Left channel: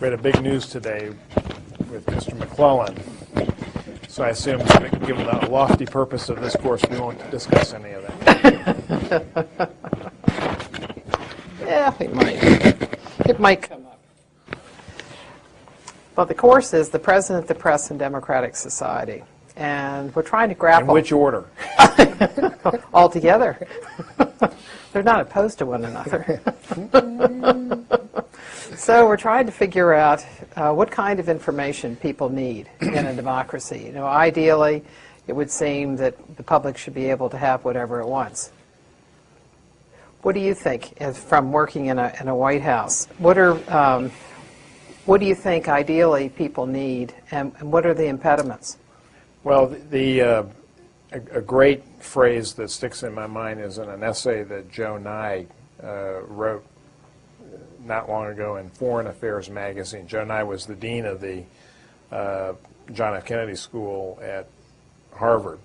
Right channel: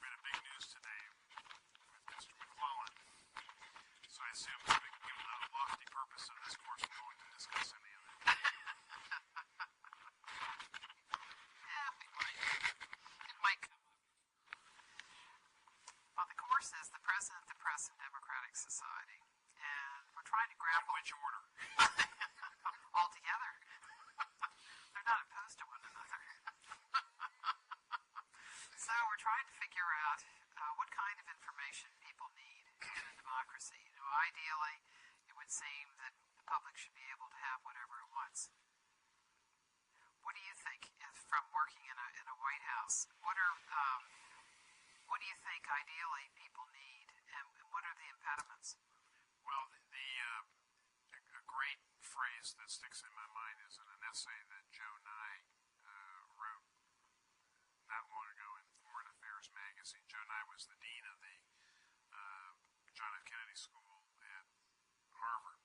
We had a big news today with Mr. McClellan, so I assume, given the lofty purpose of this course, we won't discuss any of that. Yeah, it might. It might come up. Well, the course is the President, the Press, and Democratic Society. And we're trying to grapple. In which order? All together. They're not opposed to one another. So we're trying to figure out what kind of information people need in a democracy. You know, ideally, it would seem that the public should be able to have whatever it wants. What do you think, from working in a White House? What do you think ideally people need, and what are the impediments? Well, a great phrase that sticks in my mind is in an essay that Joe Nye wrote not long ago in Foreign Affairs magazine. Joe Nye was the dean of the John F. Kennedy School at Harvard.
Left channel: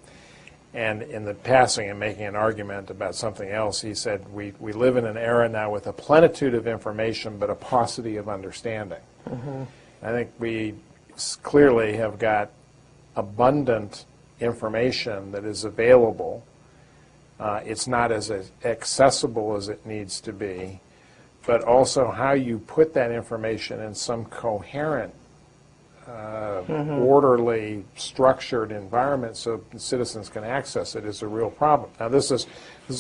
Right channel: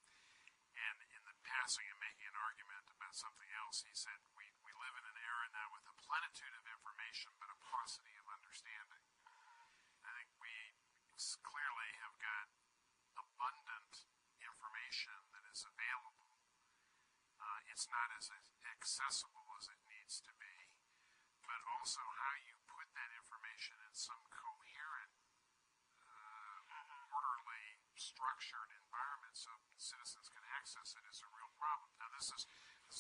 And in the passing and making an argument about something else, he said, we live in an era now with a plenitude of information but a paucity of understanding. Mm-hmm. I think we clearly have got abundant information that is available. It's not as accessible as it needs to be, but also how you put that information in some coherent, orderly, structured environment so citizens can access it is a real problem. Now, this is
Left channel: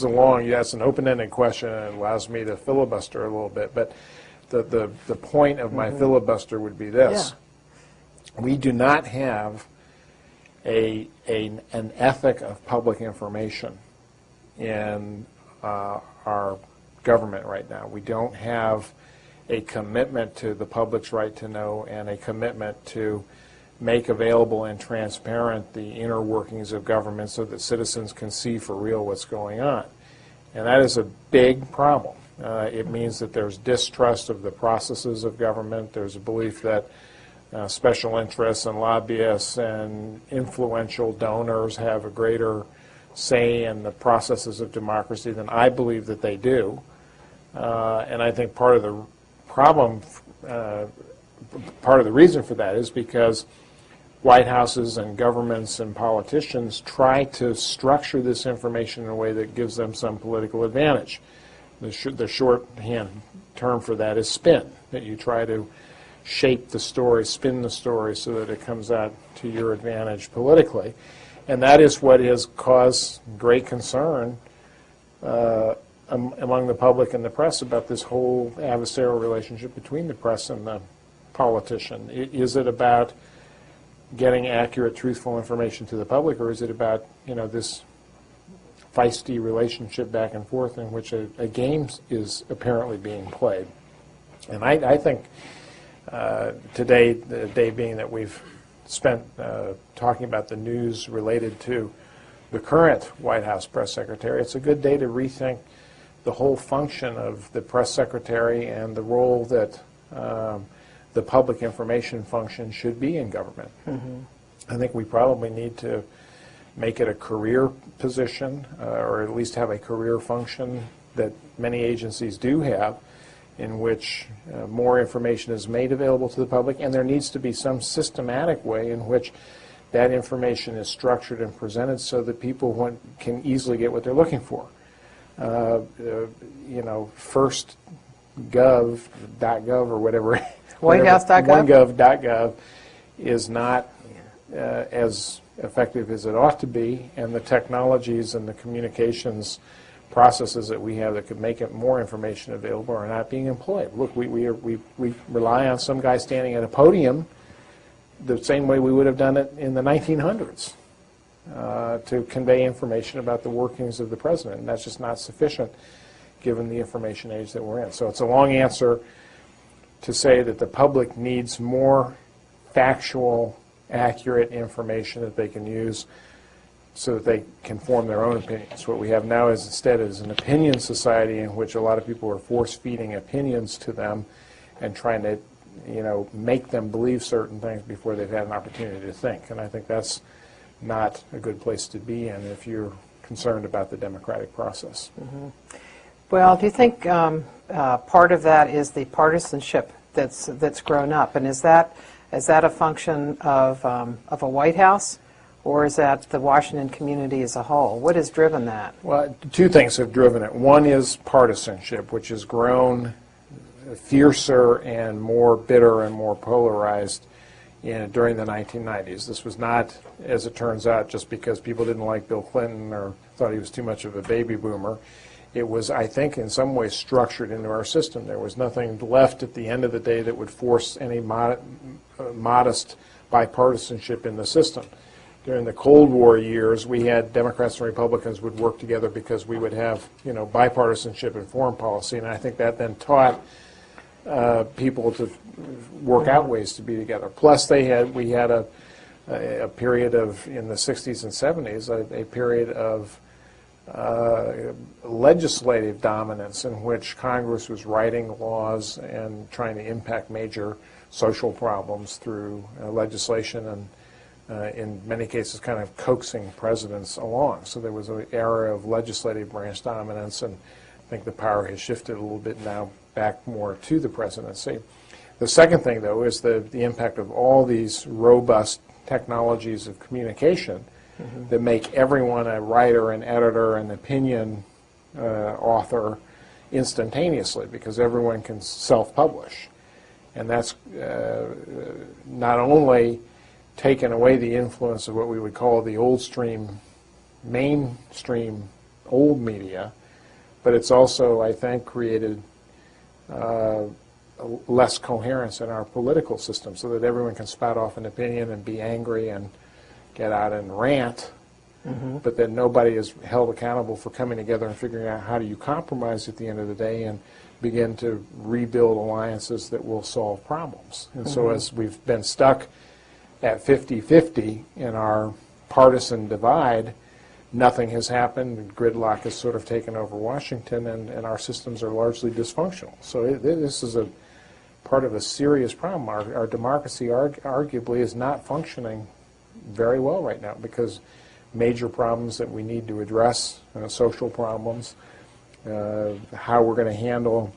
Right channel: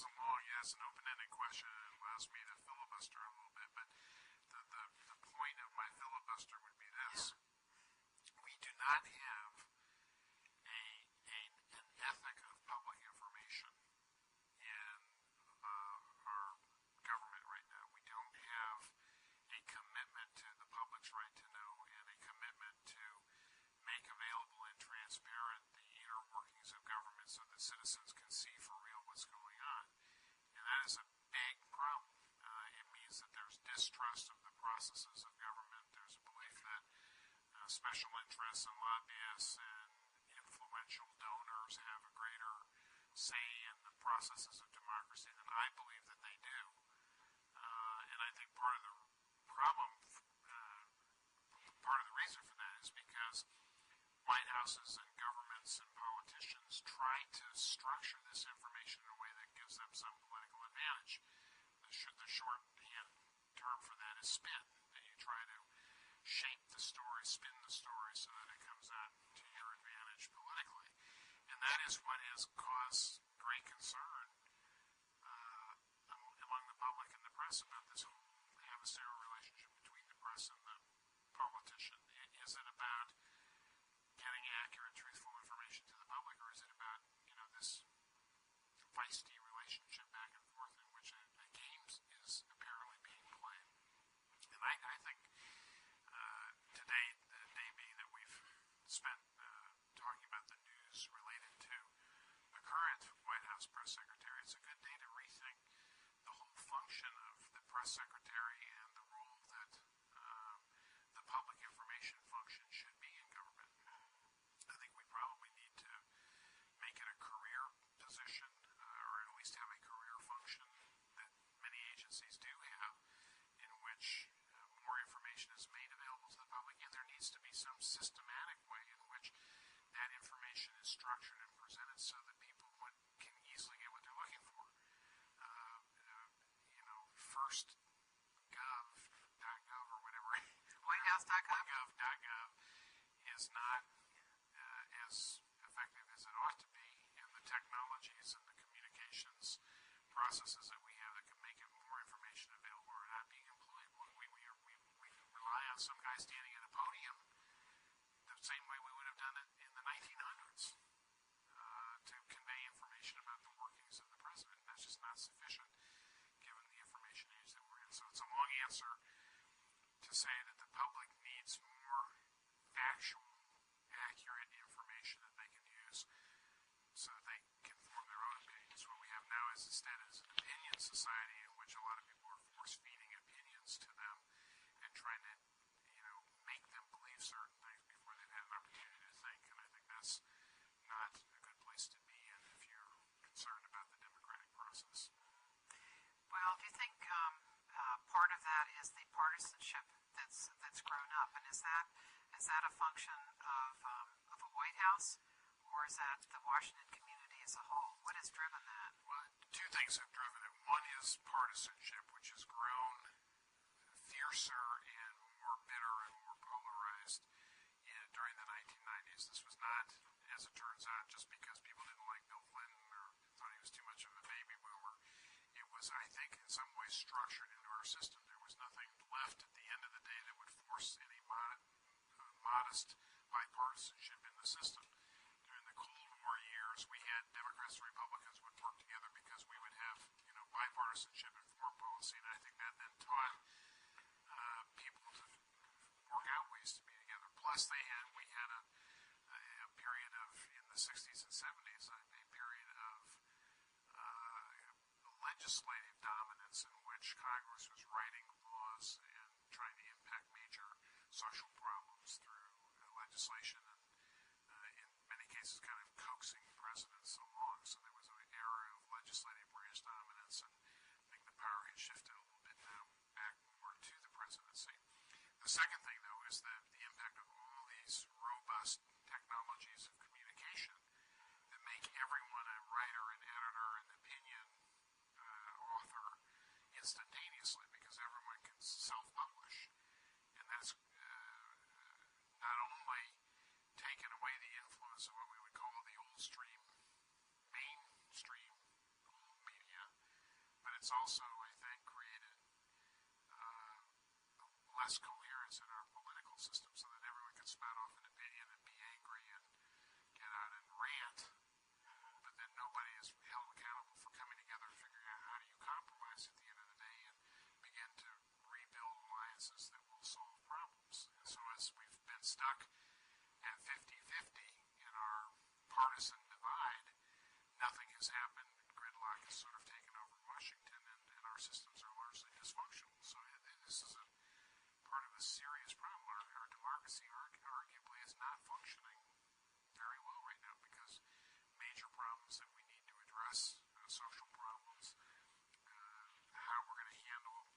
a long, that's an open-ended question, and it allows me to filibuster a little bit, but the point of my filibuster would be this. Yeah. We do not have an ethic of public information in our government right now. We don't have a commitment to the public's right to know and a commitment to make available and transparent the inner workings of government so that citizens can see for real what's going on. And that is a big problem. It means that there's distrust of the processes of government. There's a belief that special interests and lobbyists and influential donors have a greater say in the processes of democracy than I believe that they do. And I think part of the problem, part of the reason for that is because White Houses and governments and politicians try to structure this information in a way that gives them some political advantage. The shorthand term for that is spin, that you try to shape the story, spin the story so that it comes out to your advantage politically. And that is what has caused great concern among the public and the press about this whole adversarial relationship between the press and the politician. Is it about getting accurate, truthful information to the public, or is it about, you know, this feisty relationship back and forth in which a game is apparently being played? And I think today, the day being that we've spent talking about the news related to the current White House press secretary, it's a good day to rethink the whole function of the press secretary and the role that the public information function should be in government. Mm-hmm. I think we probably need to make it a career position, or at least have a career function that many agencies do have, in which more information is made available to the public, and there needs to be some systematic way in which that information is structured and presented so that people can easily get what they're looking for. You know, first gov.gov or whatever, WhiteHouse.gov? OneGov.gov is not as effective as it ought to be, and the technologies and the communications processes that we have that could make it more information available are not being employed. Look, we rely on some guy standing at a podium the same way we would have done it in the 1900s to convey information about the workings of the president, and that's just not sufficient given the information age that we're in. So it's a long answer to say that the public needs more factual, accurate information that they can use so that they can form their own opinions. What we have now is instead is an opinion society in which a lot of people are force-feeding opinions to them and trying to, you know, make them believe certain things before they've had an opportunity to think. And I think that's not a good place to be in if you're concerned about the democratic process. Mm-hmm. Well, do you think part of that is the partisanship that's grown up. And is that a function of a White House, or is that the Washington community as a whole? What has driven that? Well, two things have driven it. One is partisanship, which has grown fiercer and more bitter and more polarized during the 1990s. This was not, as it turns out, just because people didn't like Bill Clinton or thought he was too much of a baby boomer. It was, I think, in some ways structured into our system. There was nothing left at the end of the day that would force any modest bipartisanship in the system. During the Cold War years, we had Democrats and Republicans would work together because we would have, bipartisanship in foreign policy, and I think that then taught people to work out ways to be together. Plus, we had a period of, in the 60s and 70s, a period of legislative dominance in which Congress was writing laws and trying to impact major social problems through legislation and in many cases kind of coaxing presidents along. So there was an era of legislative branch dominance, and I think the power has shifted a little bit now back more to the presidency. The second thing, though, is the impact of all these robust technologies of communication that make everyone a writer, an editor, an opinion author instantaneously, because everyone can self-publish. And that's not only taken away the influence of what we would call the mainstream old media, but it's also, I think, created less coherence in our political system so that everyone can spout off an opinion and be angry and get out and rant, but then nobody is held accountable for coming together and figuring out how do you compromise at the end of the day and begin to rebuild alliances that will solve problems. And so as we've been stuck at 50-50 in our partisan divide, nothing has happened. Gridlock has sort of taken over Washington, and our systems are largely dysfunctional. So this is a part of a serious problem. Our democracy arguably is not functioning very well right now because major problems that we need to address, social problems, how we're going to handle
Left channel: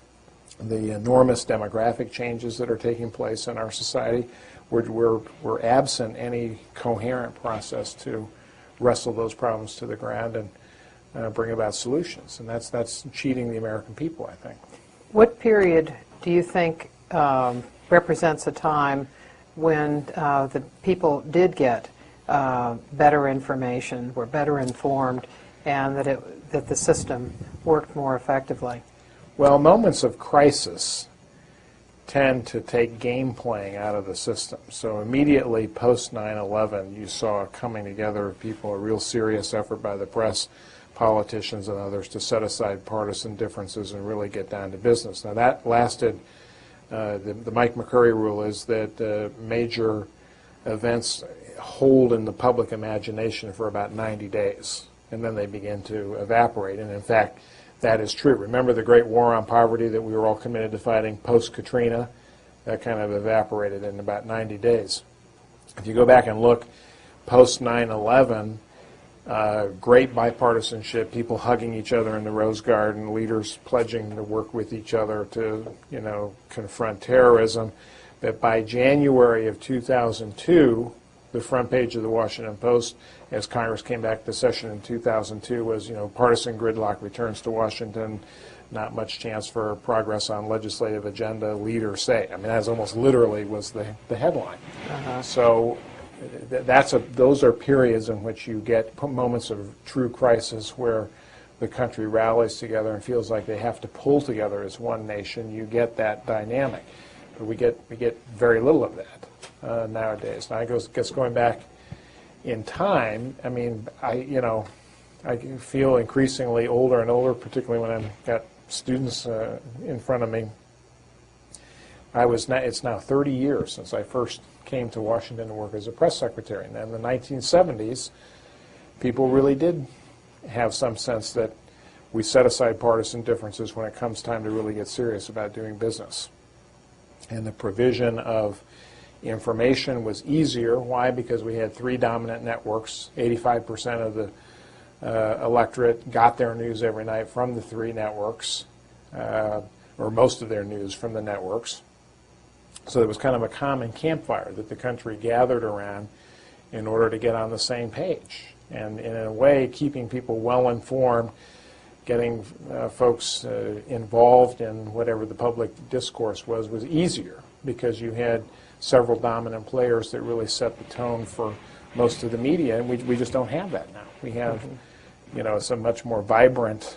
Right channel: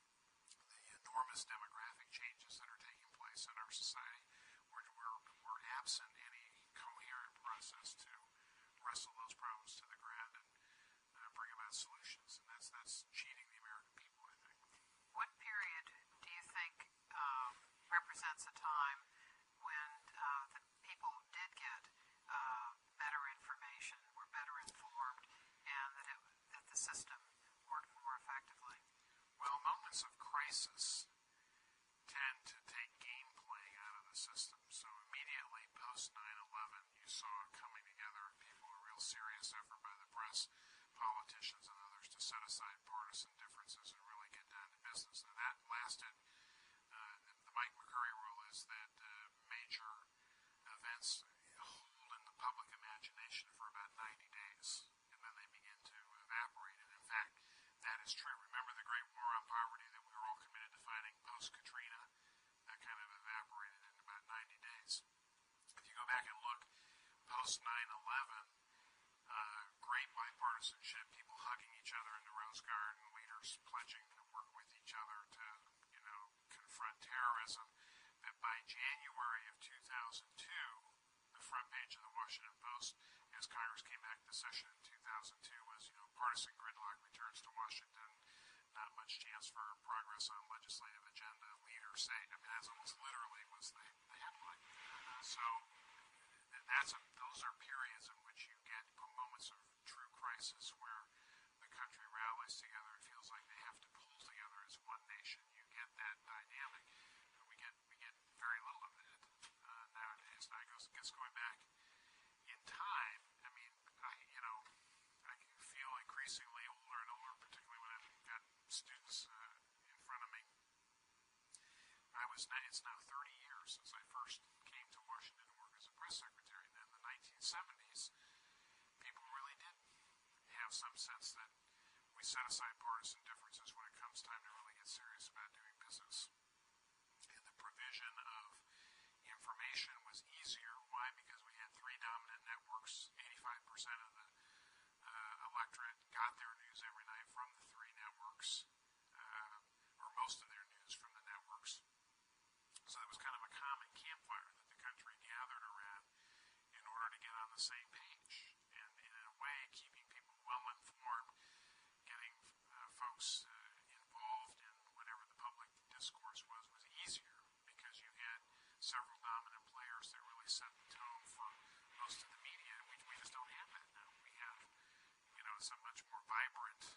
the enormous demographic changes that are taking place in our society. We're absent any coherent process to wrestle those problems to the ground and bring about solutions. And that's cheating the American people, I think. What period do you think represents a time when the people did get better information, were better informed, and that the system worked more effectively? Well, moments of crisis tend to take game playing out of the system. So immediately post 9/11, you saw a coming together of people, a real serious effort by the press, politicians, and others to set aside partisan differences and really get down to business. Now that lasted, the Mike McCurry rule is that major events hold in the public imagination for about 90 days, and then they begin to evaporate. And in fact, that is true. Remember the great war on poverty that we were all committed to fighting post-Katrina? That kind of evaporated in about 90 days. If you go back and look post 9/11, great bipartisanship, people hugging each other in the Rose Garden, leaders pledging to work with each other to, confront terrorism. But by January of 2002, the front page of the Washington Post, as Congress came back to session in 2002, was, partisan gridlock returns to Washington, not much chance for progress on legislative agenda, leaders say. I mean, that almost literally was the headline. So those are periods in which you get moments of true crisis where the country rallies together and feels like they have to pull together as one nation. You get that dynamic. But we get very little of that nowadays. Now, I guess going back in time, I mean, I feel increasingly older and older, particularly when I've got students in front of me. It's now 30 years since I first came to Washington to work as a press secretary. And in the 1970s, people really did have some sense that we set aside partisan differences when it comes time to really get serious about doing business. And the provision of information was easier. Why? Because we had three dominant networks. 85% of the electorate got their news every night from the three networks, or most of their news from the networks. So there was kind of a common campfire that the country gathered around in order to get on the same page. And in a way, keeping people well informed, getting folks involved in whatever the public discourse was easier, because you had several dominant players that really set the tone for most of the media, and we just don't have that now. We have, it's a much more vibrant,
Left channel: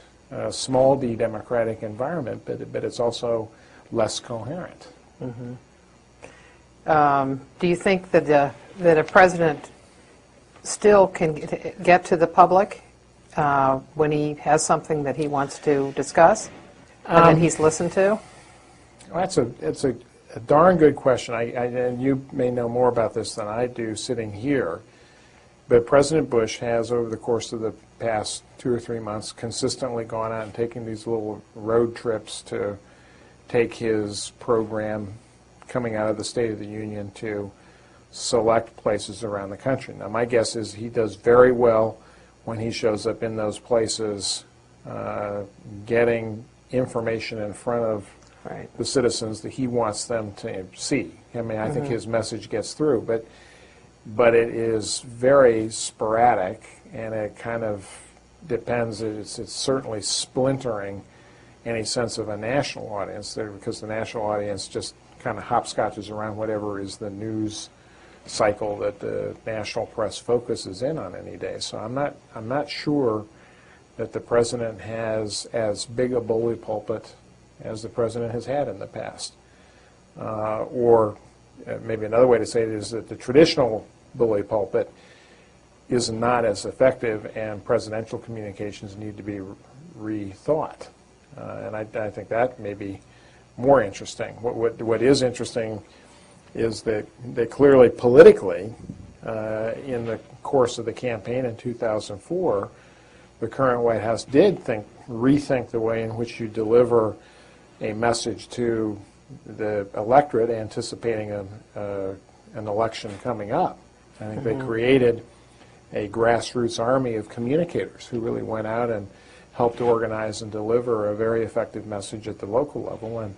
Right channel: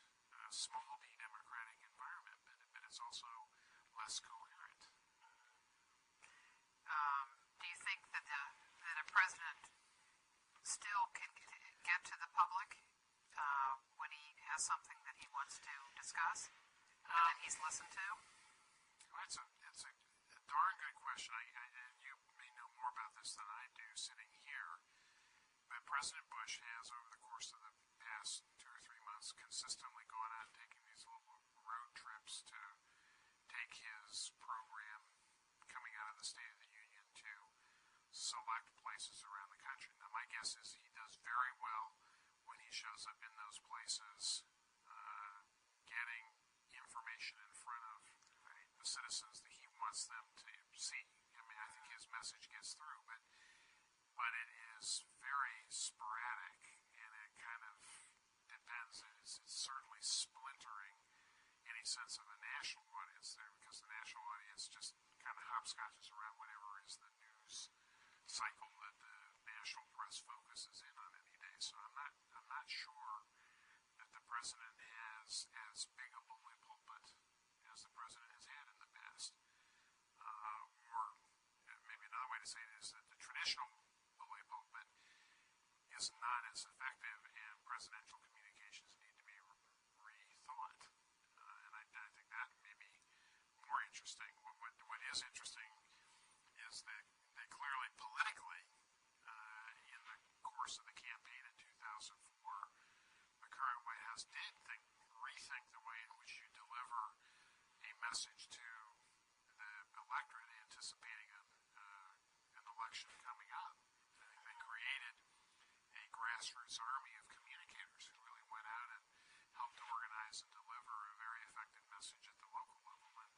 small d democratic environment, but it's also less coherent. Do you think that a president still can get to the public when he has something that he wants to discuss and that he's listened to? Well, it's a darn good question. And you may know more about this than I do sitting here. But President Bush has, over the course of the past 2 or 3 months, consistently gone out and taken these little road trips to take his program coming out of the State of the Union to select places around the country. Now, my guess is he does very well when he shows up in those places, getting information in front of the citizens that he wants them to see. I mean, I think his message gets through, but it is very sporadic, and it kind of depends. It's certainly splintering any sense of a national audience there, because the national audience just kind of hopscotches around whatever is the news cycle that the national press focuses in on any day. So I'm not sure that the president has as big a bully pulpit as the president has had in the past. Or maybe another way to say it is that the traditional bully pulpit is not as effective, and presidential communications need to be rethought. And I think that may be more interesting. What is interesting is that clearly politically, in the course of the campaign in 2004, the current White House did rethink the way in which you deliver a message to the electorate anticipating an election coming up. I think they created a grassroots army of communicators who really went out and helped organize and deliver a very effective message at the local level. And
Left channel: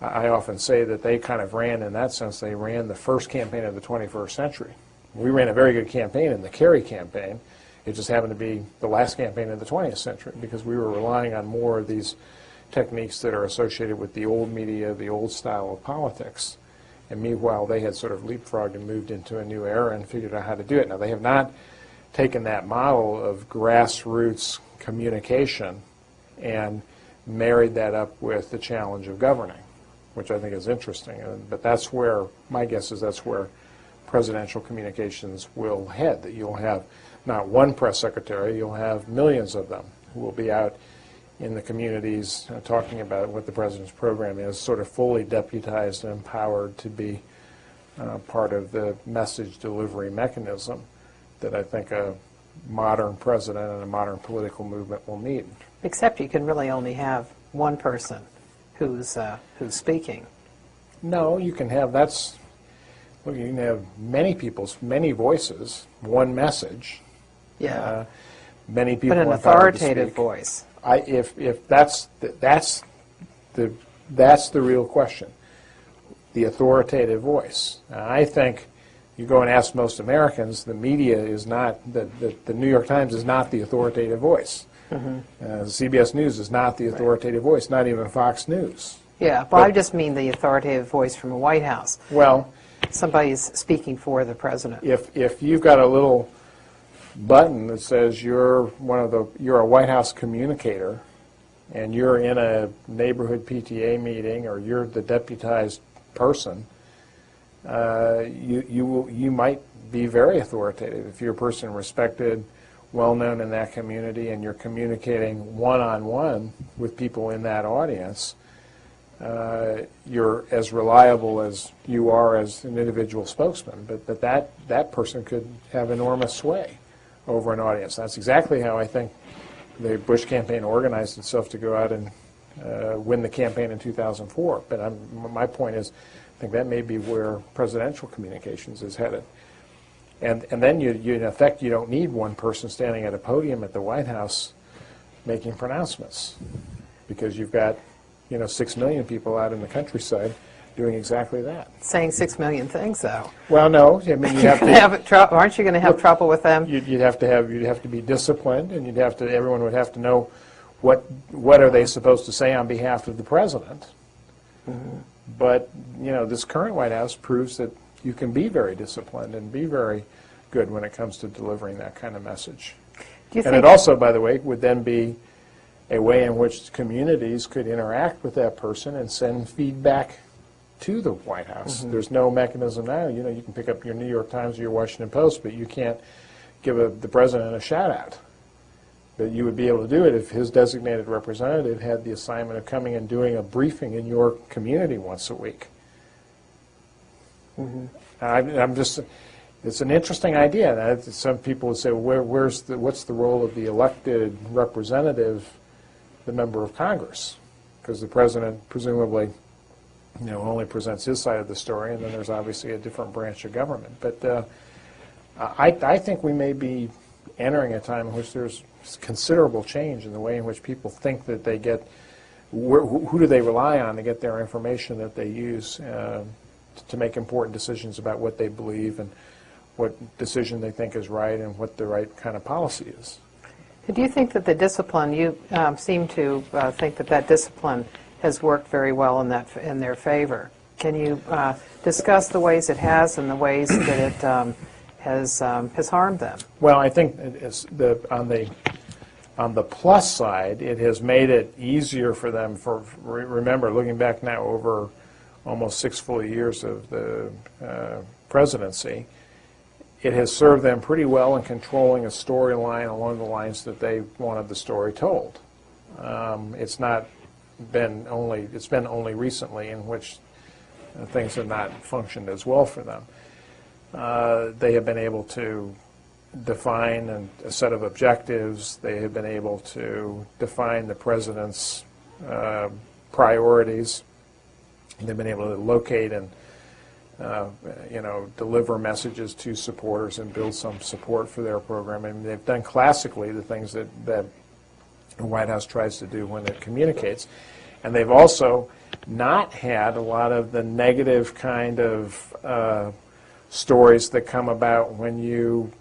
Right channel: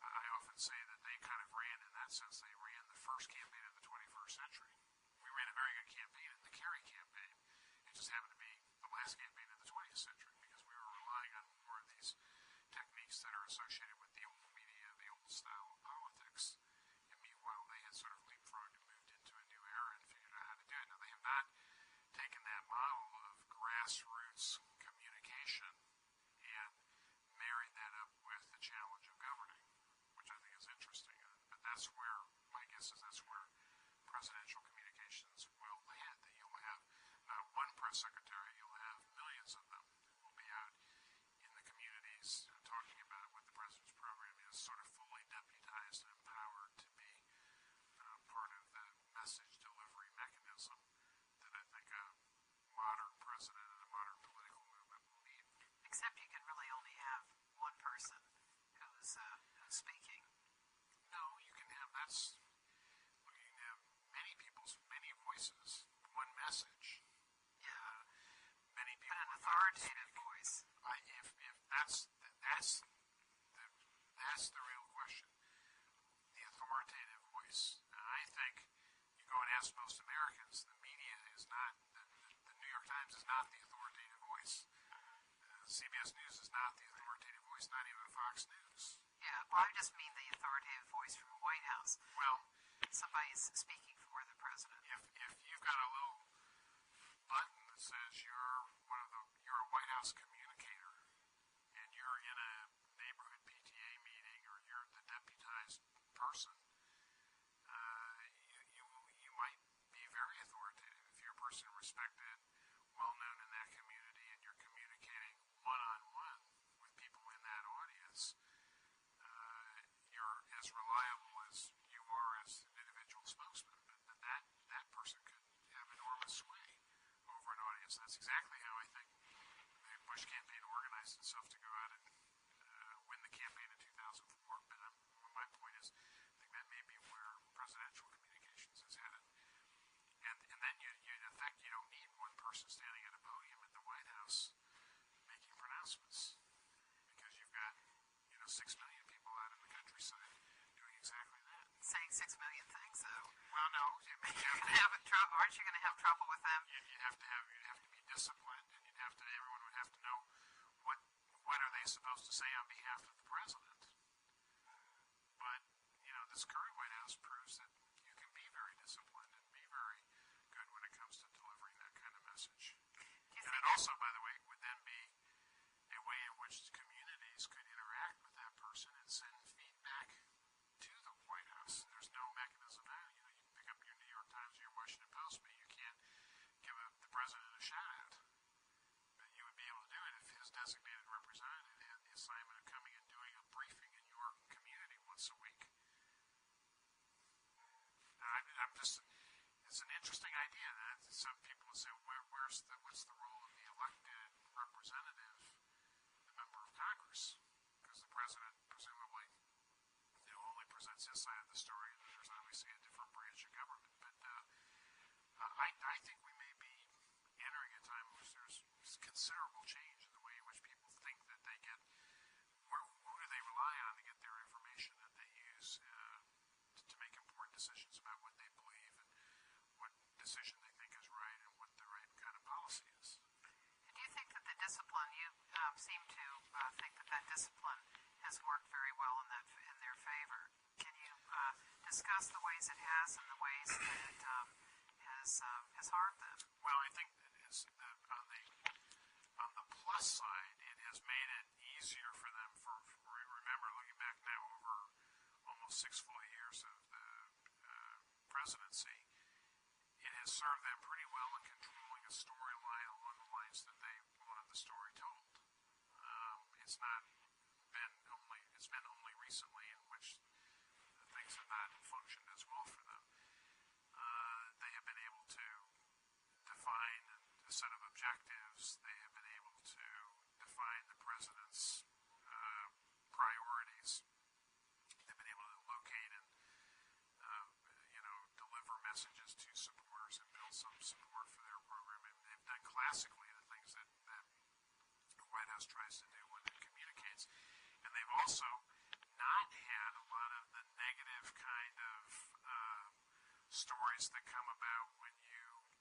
I often say that they kind of ran, in that sense, they ran the first campaign of the 21st century. We ran a very good campaign in the McCurry campaign. It just happened to be the last campaign of the 20th century, because we were relying on more of these techniques that are associated with the old media, the old style of politics. And meanwhile, they had sort of leapfrogged and moved into a new era and figured out how to do it. Now, they have not taken that model of grassroots communication and married that up with the challenge of governing, which I think is interesting. But that's where, my guess is that's where presidential communications will head, that you'll have not one press secretary, you'll have millions of them who will be out in the communities talking about what the president's program is, sort of fully deputized and empowered to be part of the message delivery mechanism that I think a modern president and a modern political movement will need. Except you can really only have one person who's speaking. No, you can have, you can have many people's, many voices, one message. Yeah. Many people but an authoritative voice. If that's the real question, the authoritative voice. I think you go and ask most Americans, the media is not, the New York Times is not the authoritative voice. CBS News is not the authoritative voice, not even Fox News. Yeah, well, I just mean the authoritative voice from the White House. Well, somebody's speaking for the president. If you've got a little button that says you're a White House communicator, and you're in a neighborhood PTA meeting, or you're the deputized person, you might be very authoritative. If you're a person respected, well-known in that community, and you're communicating one-on-one with people in that audience, you're as reliable as you are as an individual spokesman. But that person could have enormous sway over an audience. That's exactly how I think the Bush campaign organized itself to go out and win the campaign in 2004. But my point is, I think that may be where presidential communications is headed. And then you in effect, you don't need one person standing at a podium at the White House making pronouncements, because you've got 6 million people out in the countryside doing exactly that. Saying 6 million things, though. Well, no, I mean, you have to. Aren't you going to have trouble with them? You'd have to be disciplined, and everyone would have to know what are they supposed to say on behalf of the president. But this current White House proves that you can be very disciplined and be very good when it comes to delivering that kind of message. And it also, by the way, would then be a way in which communities could interact with that person and send feedback to the White House. There's no mechanism now. You can pick up your New York Times or your Washington Post, but you can't give the president a shout-out. But you would be able to do it if his designated representative had the assignment of coming and doing a briefing in your community once a week. It's an interesting idea. Some people would say, well, what's the role of the elected representative, the member of Congress? Because the president presumably only presents his side of the story, and then there's obviously a different branch of government. But I think we may be entering a time in which there's considerable change in the way in which people think that they get, who do they rely on to get their information that they use to make important decisions about what they believe and what decision they think is right and what the right kind of policy is. Do you think that the discipline, you seem to think that discipline has worked very well in their favor. Can you discuss the ways it has and the ways that it has harmed them? Well, I think on the plus side, it has made it easier for them. Remember, looking back now over almost 6 full years of the presidency, it has served them pretty well in controlling a storyline along the lines that they wanted the story told. It's been only recently in which things have not functioned as well for them. They have been able to define a set of objectives. They have been able to define the president's priorities. They've been able to locate and deliver messages to supporters and build some support for their program. And they've done classically the things that the White House tries to do when it communicates. And they've also not had a lot of the negative kind of stories that come about when you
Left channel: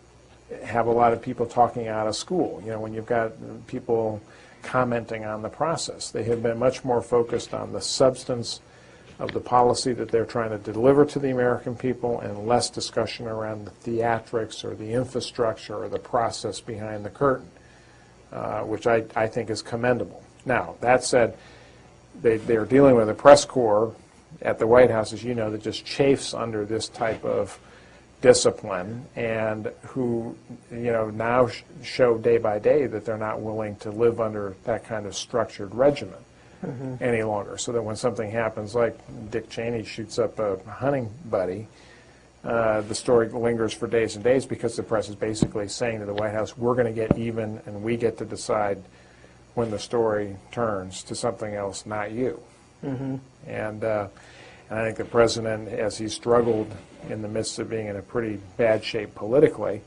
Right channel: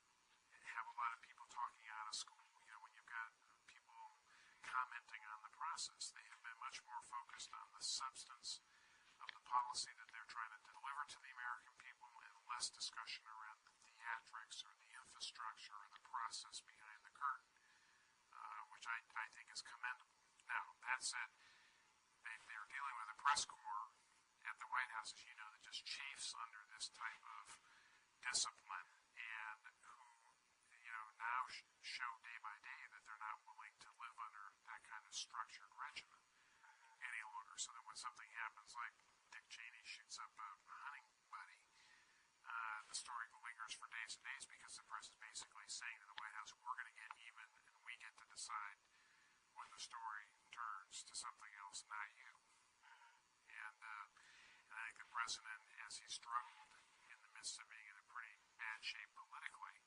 have a lot of people talking out of school. When you've got people commenting on the process. They have been much more focused on the substance of the policy that they're trying to deliver to the American people and less discussion around the theatrics or the infrastructure or the process behind the curtain, which I think is commendable. Now, that said, they're dealing with a press corps at the White House, as you know, that just chafes under this type of discipline and who, now show day by day that they're not willing to live under that kind of structured regimen any longer. So that when something happens, like Dick Cheney shoots up a hunting buddy, the story lingers for days and days because the press is basically saying to the White House, we're going to get even and we get to decide when the story turns to something else, not you. And I think the president, as he struggled in the midst of being in a pretty bad shape politically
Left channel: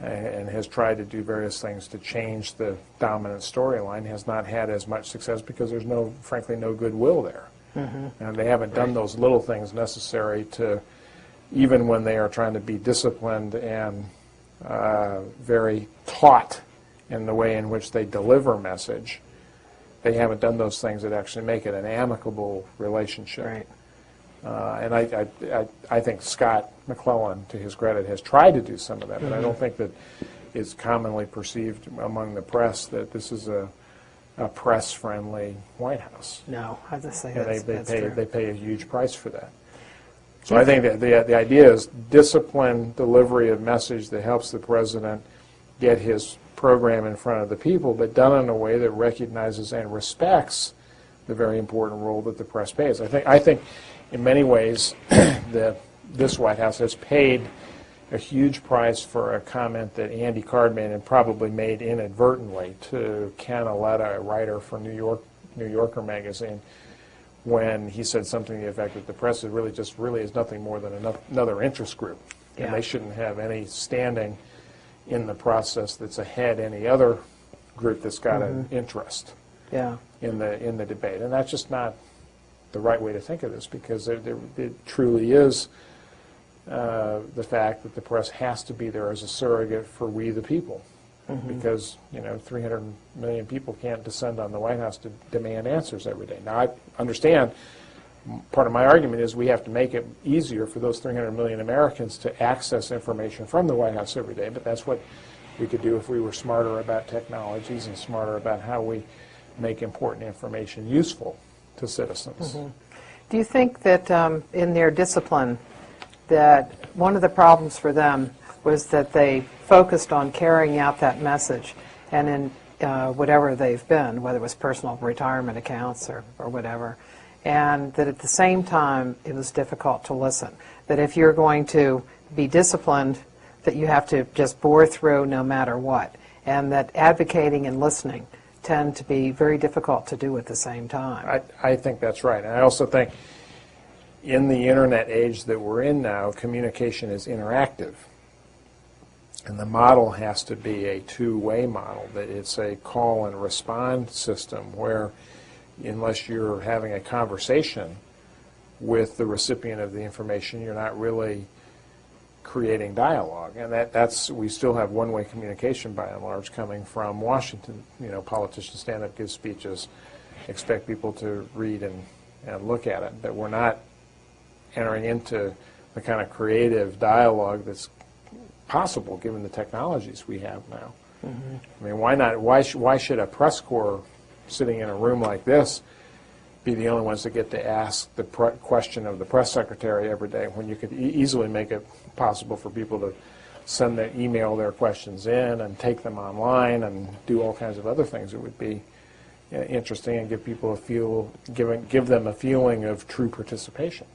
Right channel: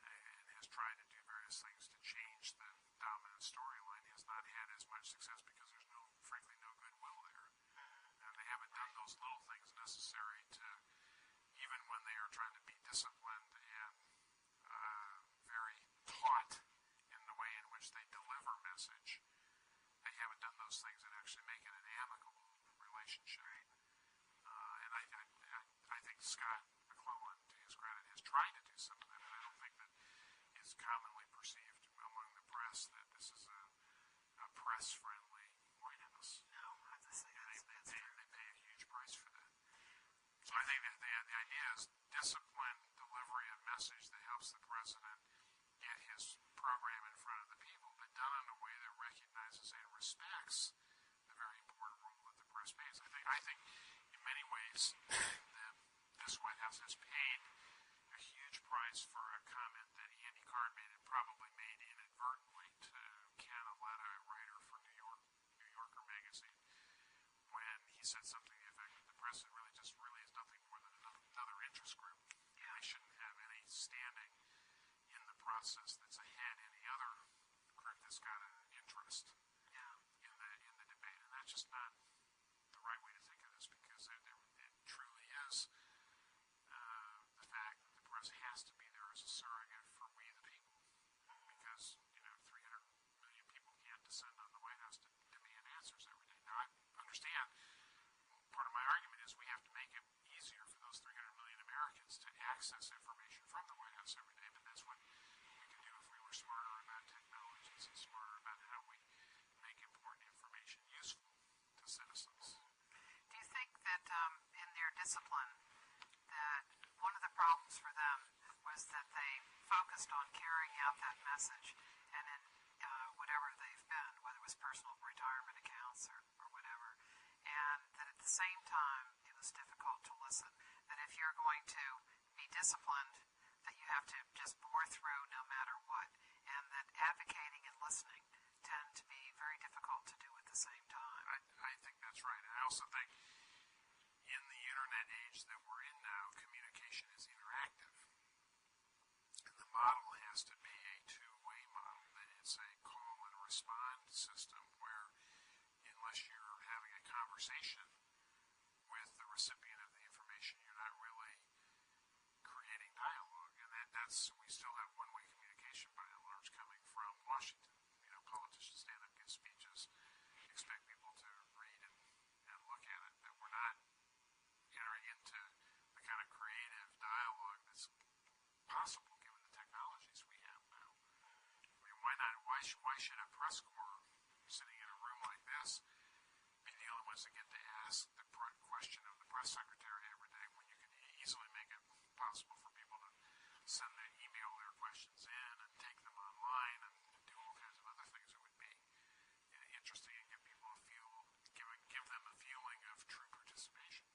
and has tried to do various things to change the dominant storyline, has not had as much success because there's frankly no goodwill there. And they haven't done those little things necessary to, even when they are trying to be disciplined and very taut in the way in which they deliver message, they haven't done those things that actually make it an amicable relationship. Right. And I think Scott McClellan, to his credit, has tried to do some of that, but I don't think that it's commonly perceived among the press that this is a press-friendly White House. No, I just say they pay a huge price for that. So I think that the idea is disciplined delivery of message that helps the president get his program in front of the people, but done in a way that recognizes and respects the very important role that the press plays. I think in many ways, this White House has paid a huge price for a comment that Andy Card made and probably made inadvertently to Ken Aletta, a writer for New Yorker magazine, when he said something to the effect that the press is nothing more than another interest group, and they shouldn't have any standing in the process that's ahead any other group that's got an interest in the debate, and that's just not the right way to think of this, because it truly is the fact that the press has to be there as a surrogate for we the people. Because 300 million people can't descend on the White House to demand answers every day. Now, I understand part of my argument is we have to make it easier for those 300 million Americans to access information from the White House every day, but that's what we could do if we were smarter about technologies and smarter about how we make important information useful to citizens. Do you think that in their discipline, that one of the problems for them was that they focused on carrying out that message, and in whatever they've been, whether it was personal retirement accounts or whatever, and that at the same time it was difficult to listen, that if you're going to be disciplined, that you have to just bore through no matter what, and that advocating and listening tend to be very difficult to do at the same time? I think that's right. And I also think in the internet age that we're in now, communication is interactive. And the model has to be a two-way model, that it's a call and respond system where, unless you're having a conversation with the recipient of the information, you're not really creating dialogue. And that's we still have one-way communication by and large coming from Washington. Politicians stand up, give speeches, expect people to read and look at it. But we're not entering into the kind of creative dialogue that's possible given the technologies we have now. I mean, why not? Why should a press corps sitting in a room like this be the only ones that get to ask the question of the press secretary every day, when you could easily make it possible for people to send their email their questions in and take them online and do all kinds of other things that would be interesting and give people give them a feeling of true participation.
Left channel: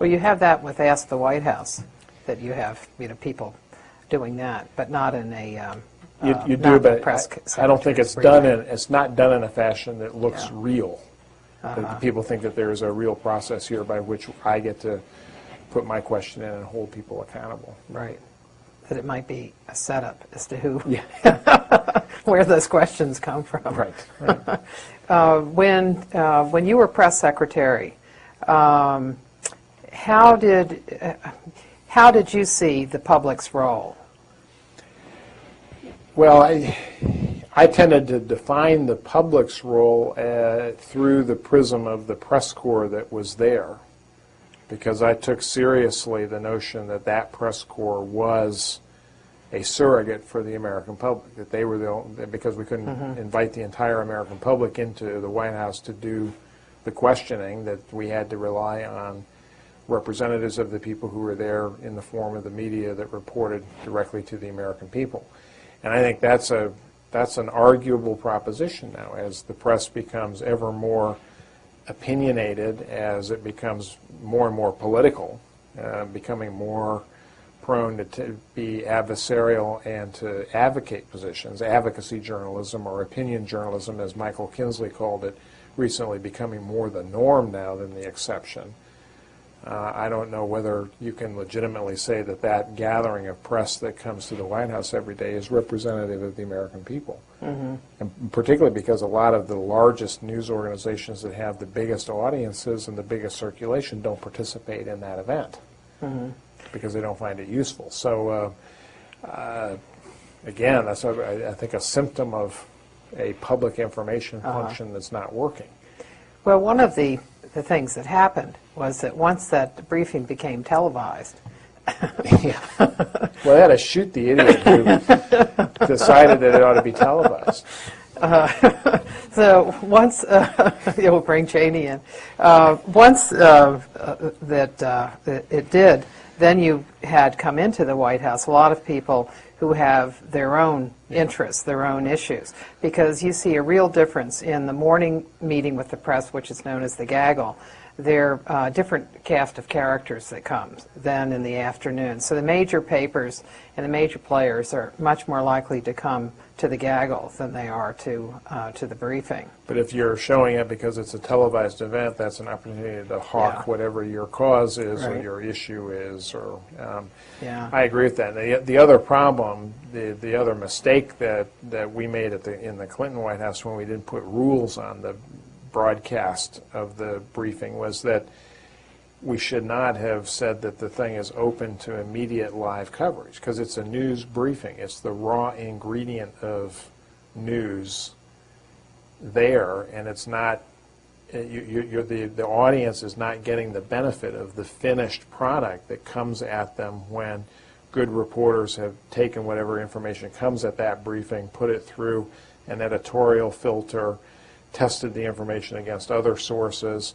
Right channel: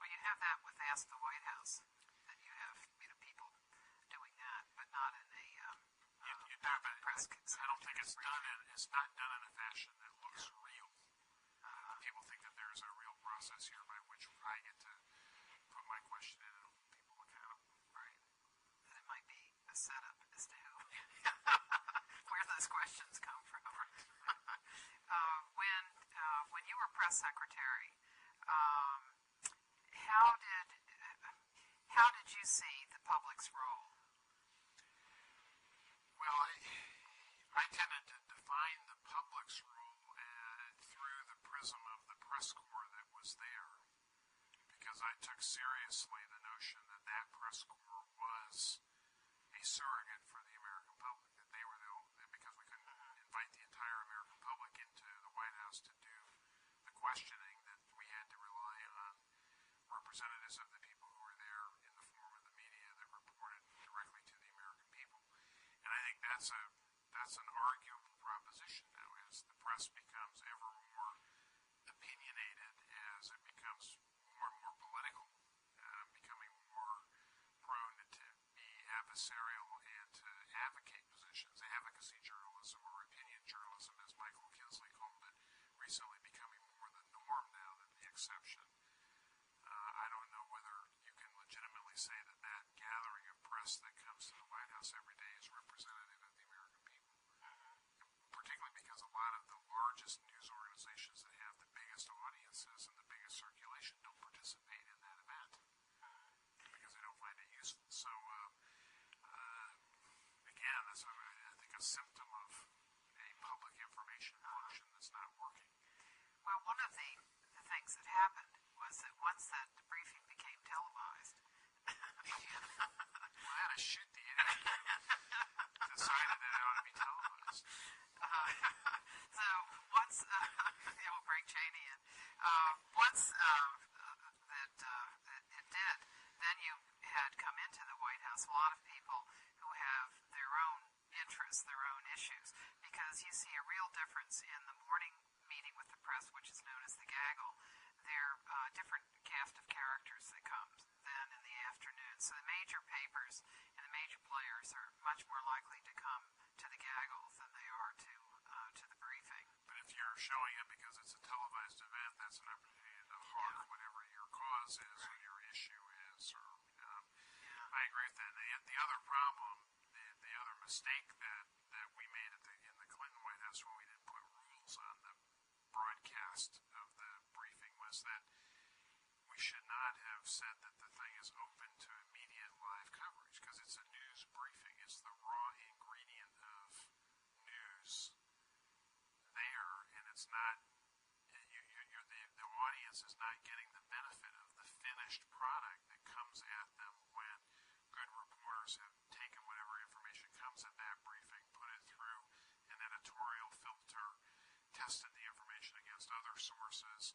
Well, you have that with Ask the White House, that you have people doing that, but not in a you do, but press I don't think it's it's not done in a fashion that looks real. That people think that there's a real process here by which I get to put my question in and hold people accountable. Right. That it might be a setup as to who, Yeah. where those questions come from. Right. When you were press secretary, how did you see the public's role? Well, I tended to define the public's role through the prism of the press corps that was there, because I took seriously the notion that that press corps was a surrogate for the American public, that they were because we couldn't invite the entire American public into the White House to do the questioning, that we had to rely on representatives of the people who were there in the form of the media that reported directly to the American people. And I think that's an arguable proposition now, as the press becomes ever more opinionated, as it becomes more and more political, becoming more prone to be adversarial and to advocate positions. Advocacy journalism, or opinion journalism, as Michael Kinsley called it, recently becoming more the norm now than the exception. I don't know whether you can legitimately say that that gathering of press that comes to the White House every day is representative of the American people. And particularly because a lot of the largest news organizations that have the biggest audiences and the biggest circulation don't participate in that event because they don't find it useful. So again, that's, I think, a symptom of a public information function that's not working. Well, one of the things that happened was that once that briefing became televised. Well, they had to shoot the idiot who decided that it ought to be televised. So once, we'll bring Cheney in. Once that it did, then you had come into the White House a lot of people who have their own interests, their own issues, because you see a real difference in the morning meeting with the press, which is known as the gaggle. There are different cast of characters that comes than in the afternoon. So the major papers and the major players are much more likely to come to the gaggle than they are to the briefing. But if you're showing it because it's a televised event, that's an opportunity to hawk whatever your cause is or your issue is. Or I agree with that. The other problem, the other mistake that we made in the Clinton White House when we didn't put rules on the broadcast of the briefing was that we should not have said that the thing is open to immediate live coverage, because it's a news briefing. It's the raw ingredient of news there, and it's not, the audience is not getting the benefit of the finished product that comes at them when good reporters have taken whatever information comes at that briefing, put it through an editorial filter, tested the information against other sources,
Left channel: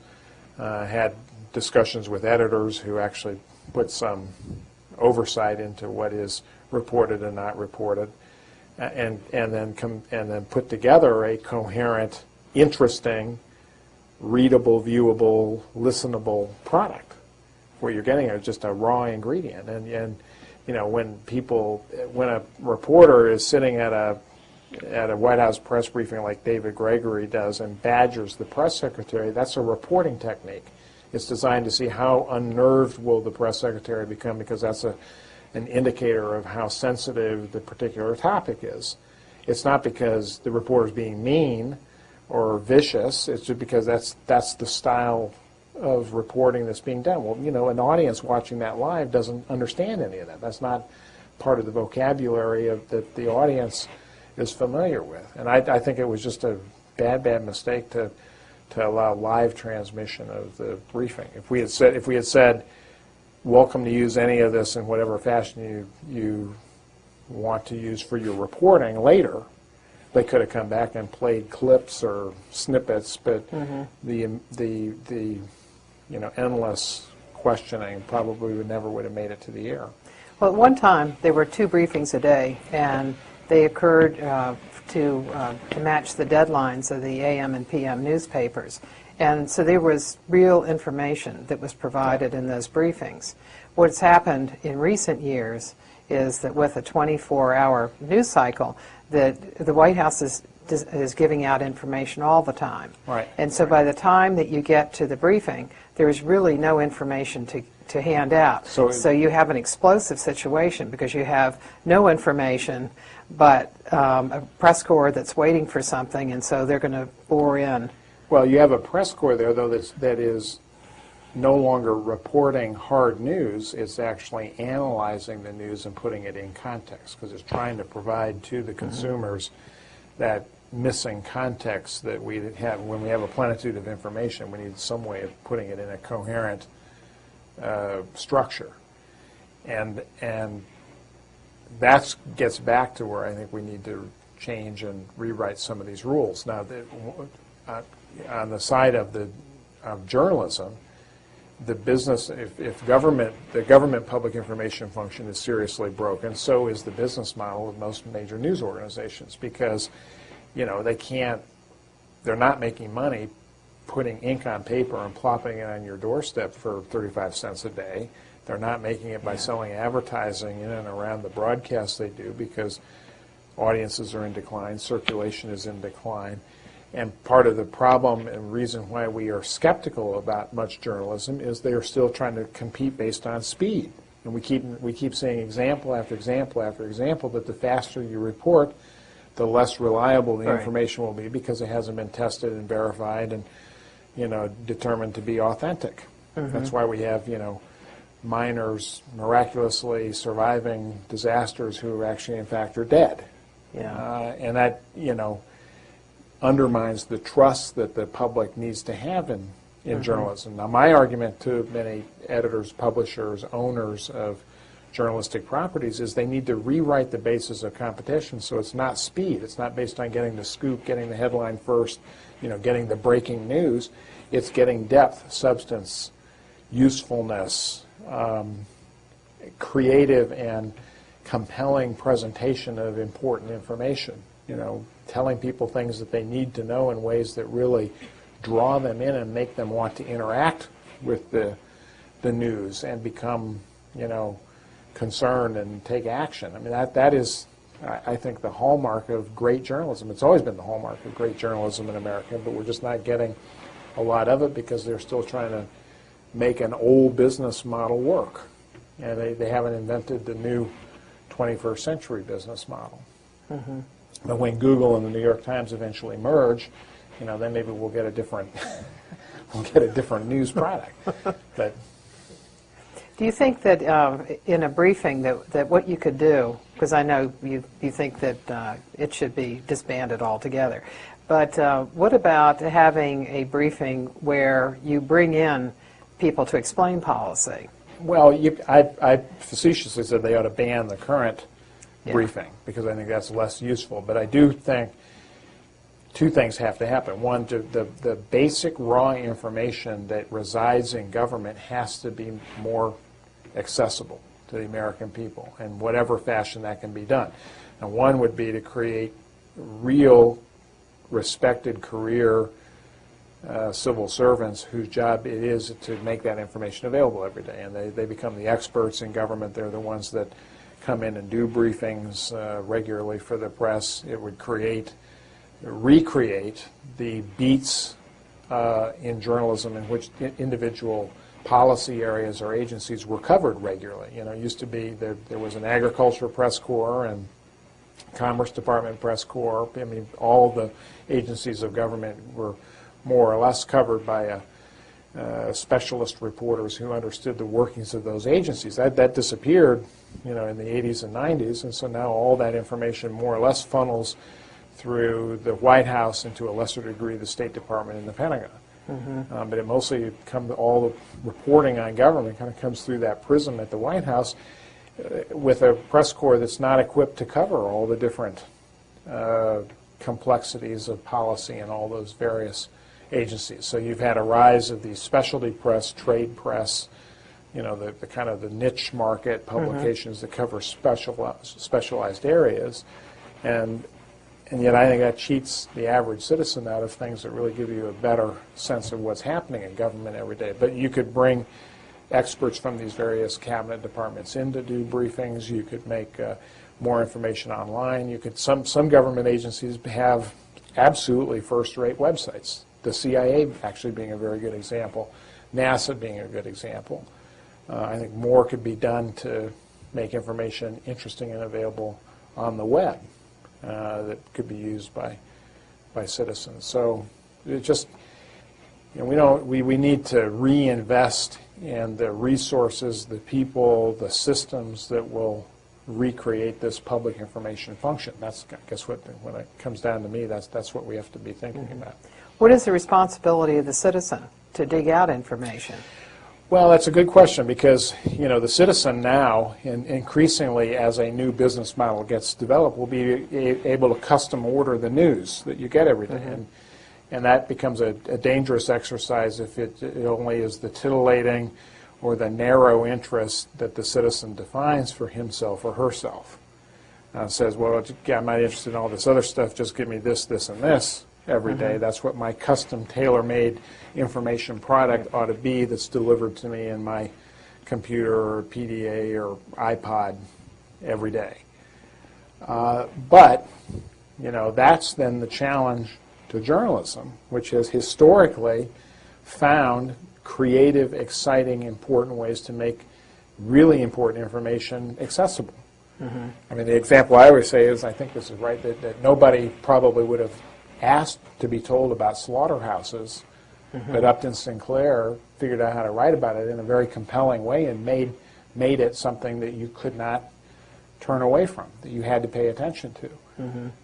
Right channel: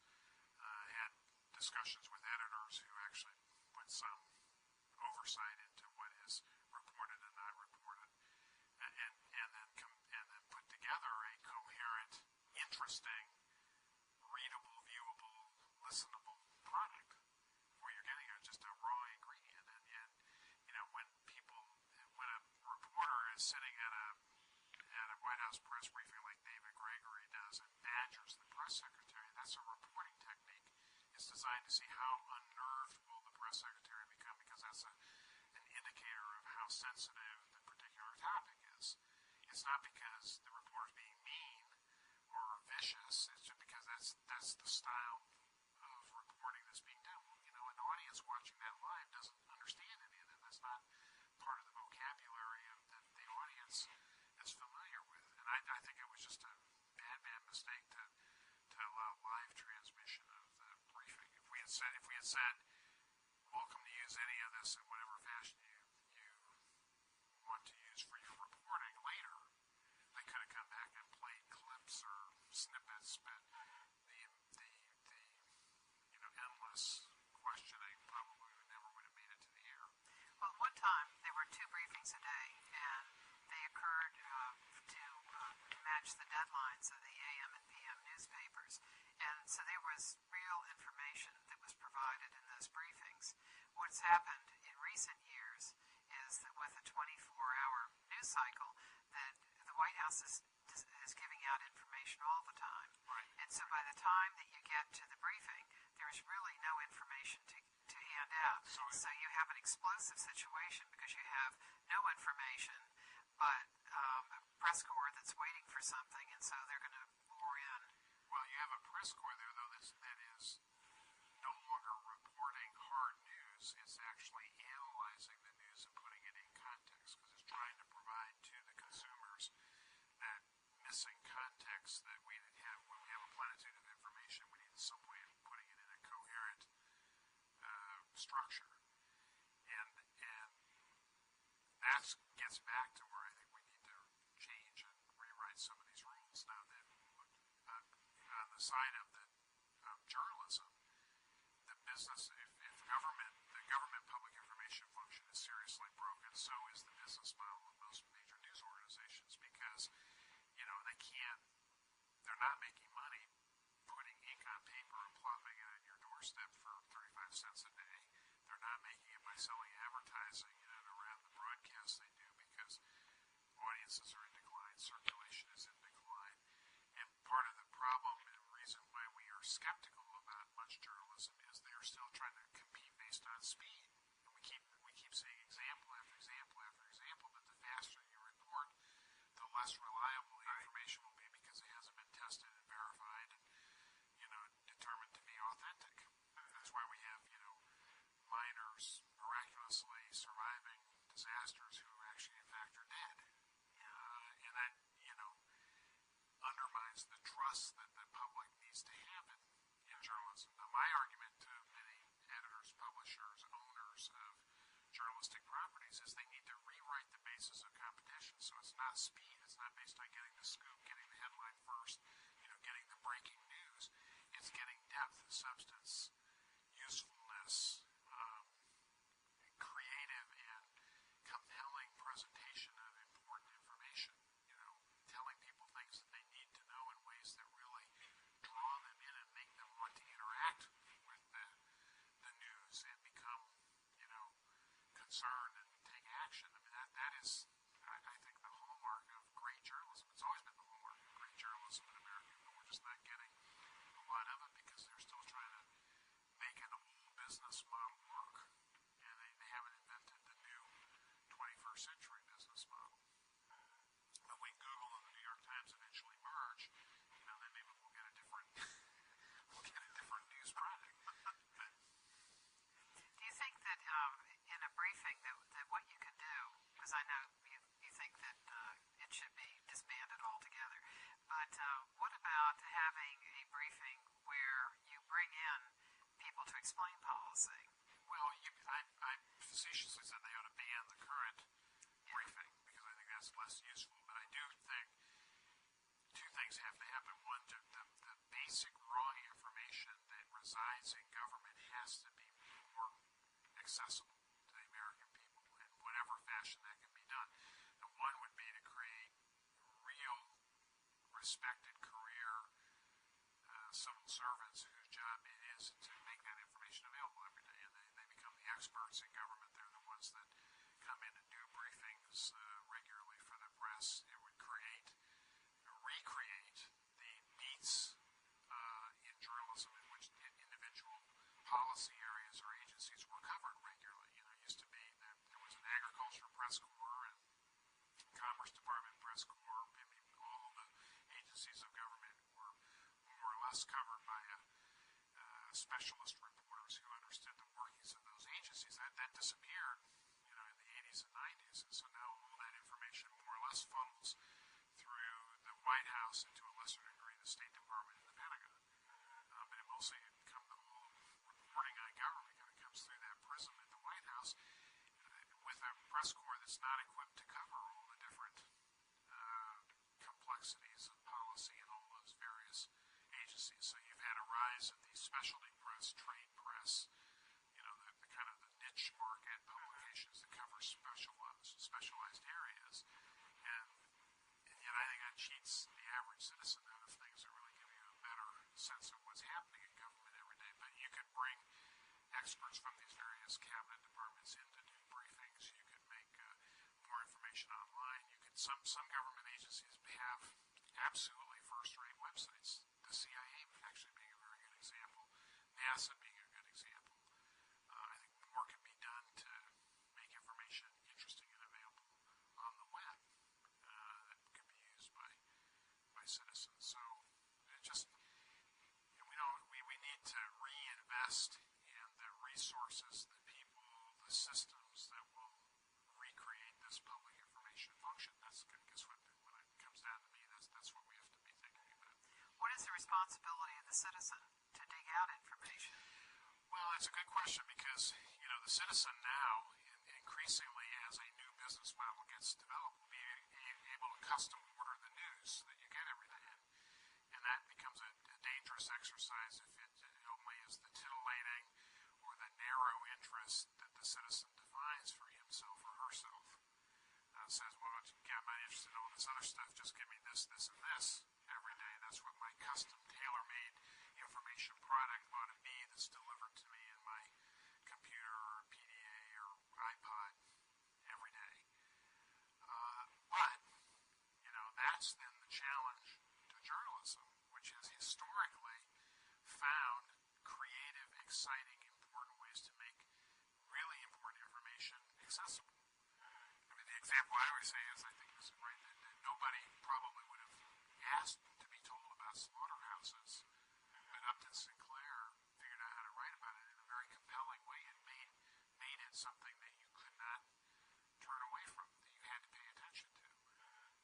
had discussions with editors who actually put some oversight into what is reported and not reported, and then put together a coherent, interesting, readable, viewable, listenable product. What you're getting is just a raw ingredient, and you know, when a reporter is sitting at a White House press briefing like David Gregory does and badgers the press secretary, that's a reporting technique. It's designed to see how unnerved will the press secretary become, because that's an indicator of how sensitive the particular topic is. It's not because the reporter's being mean or vicious. It's just because that's the style of reporting that's being done. Well, you know, an audience watching that live doesn't understand any of that. That's not part of the vocabulary that the audience is familiar with. And I think it was just a bad mistake to allow live transmission of the briefing. If we had said, welcome to use any of this in whatever fashion you want to use for your reporting later, they could have come back and played clips or snippets, but the you know, endless questioning probably would have made it to the air. Well, at one time, there were 2 briefings a day, and they occurred to match the deadlines of the AM and PM newspapers. And so there was real information that was provided in those briefings. What's happened in recent years is that with a 24-hour news cycle, that the White House is giving out information all the time. Right. And so by the time that you get to the briefing, there is really no information to hand out. So you have an explosive situation because you have no information but a press corps that's waiting for something, and so they're going to bore in. Well, you have a press corps there, though, that is no longer reporting hard news. It's actually analyzing the news and putting it in context, because it's trying to provide to the consumers that missing context that we have. When we have a plenitude of information, we need some way of putting it in a coherent structure. And that gets back to where I think we need to change and rewrite some of these rules. Now, on the side of journalism, the business, if the government public information function is seriously broken, so is the business model of most major news organizations, because, you know, they're not making money putting ink on paper and plopping it on your doorstep for 35 cents a day. They're not making it by selling advertising in and around the broadcasts they do, because audiences are in decline, circulation is in decline. And part of the problem and reason why we are skeptical about much journalism is they are still trying to compete based on speed. And we keep seeing example after example after example that the faster you report, the less reliable the information will be, because it hasn't been tested and verified and, you know, determined to be authentic. That's why we have, you know, miners miraculously surviving disasters who actually, in fact, are dead. Yeah. And that, you know, undermines the trust that the public needs to have in journalism. Now, my argument to many editors, publishers, owners of journalistic properties is they need to rewrite the basis of competition so it's not speed. It's not based on getting the scoop, getting the headline first, you know, getting the breaking news. It's getting depth, substance, usefulness, creative and compelling presentation of important information, you know, telling people things that they need to know in ways that really draw them in and make them want to interact with the news and become, you know, concerned and take action. I mean, that is, I think, the hallmark of great journalism. It's always been the hallmark of great journalism in America, but we're just not getting a lot of it because they're still trying to make an old business model work. And they haven't invented the new 21st century business model. But when Google and the New York Times eventually merge then maybe we'll get a different we'll get a different news product. But Do you think that in a briefing that what you could do, because I know you think that it should be disbanded altogether, but what about having a briefing where you bring in people to explain policy? well, I facetiously said they ought to ban the current Yeah. briefing because I think that's less useful. But I do think two things have to happen. One, the basic raw information that resides in government has to be more accessible to the American people in whatever fashion that can be done. And one would be to create real respected career civil servants whose job it is to make that information available every day. And they become the experts in government. They're the ones that come in and do briefings regularly for the press. It would recreate the beats in journalism in which individual policy areas or agencies were covered regularly. It used to be there was an agriculture press corps and Commerce Department press corps. I mean, all the agencies of government were more or less covered by specialist reporters who understood the workings of those agencies. That disappeared, in the 80s and 90s, and so now all that information more or less funnels through the White House and to a lesser degree the State Department and the Pentagon. Mm-hmm. But it mostly all the reporting on government kind of comes through that prism at the White House with a press corps that's not equipped to cover all the different complexities of policy in all those various agencies. So you've had a rise of the specialty press, trade press, the kind of the niche market publications that cover specialized areas, and yet I think that cheats the average citizen out of things that really give you a better sense of what's happening in government every day. But you could bring experts from these various cabinet departments in to do briefings. You could make more information online. You could some government agencies have absolutely first-rate websites. The CIA actually being a very good example, NASA being a good example. I think more could be done to make information interesting and available on the web that could be used by citizens. So it just we need to reinvest in the resources, the people, the systems that will recreate this public information function. That's, I guess, when it comes down to me, that's what we have to be thinking about. What is the responsibility of the citizen to dig out information? Well, that's a good question because, the citizen now, increasingly as a new business model gets developed, will be able to custom order the news that you get every day. Mm-hmm. And that becomes a dangerous exercise if it only is the titillating or the narrow interest that the citizen defines for himself or herself. Says, well, I'm not interested in all this other stuff, just give me this, this, and this every day. That's what my custom tailor-made information product ought to be that's delivered to me in my computer or PDA or iPod every day. But that's then the challenge to journalism, which has historically found creative, exciting, important ways to make really important information accessible. Mm-hmm. I mean, the example I always say is, I think this is right, that nobody probably would have asked to be told about slaughterhouses, but Upton Sinclair figured out how to write about it in a very compelling way and made it something that you could not turn away from, that you had to pay attention to.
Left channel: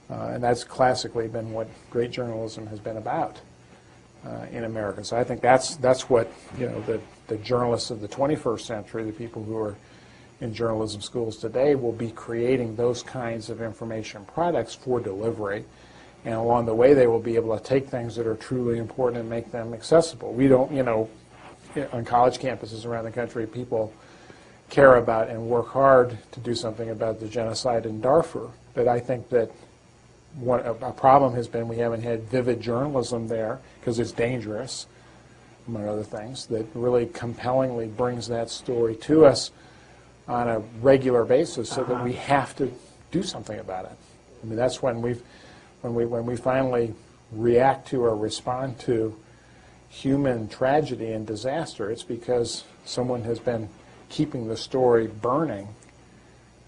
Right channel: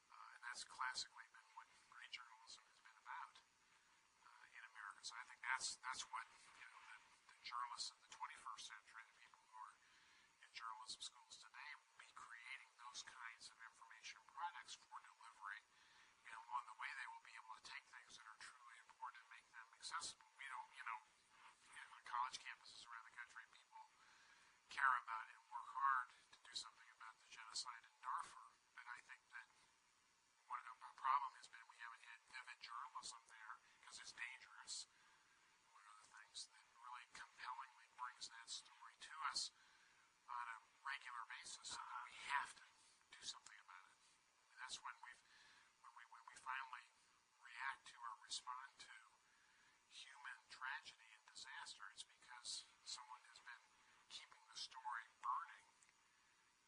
And that's classically been what great journalism has been about in America. So I think that's what the journalists of the 21st century, the people who are in journalism schools today, will be creating those kinds of information products for delivery. And along the way, they will be able to take things that are truly important and make them accessible. We don't, on college campuses around the country, people care about and work hard to do something about the genocide in Darfur. But I think that a problem has been we haven't had vivid journalism there because it's dangerous, among other things, that really compellingly brings that story to us on a regular basis so that we have to do something about it. I mean, that's when we finally react to or respond to human tragedy and disaster, it's because someone has been keeping the story burning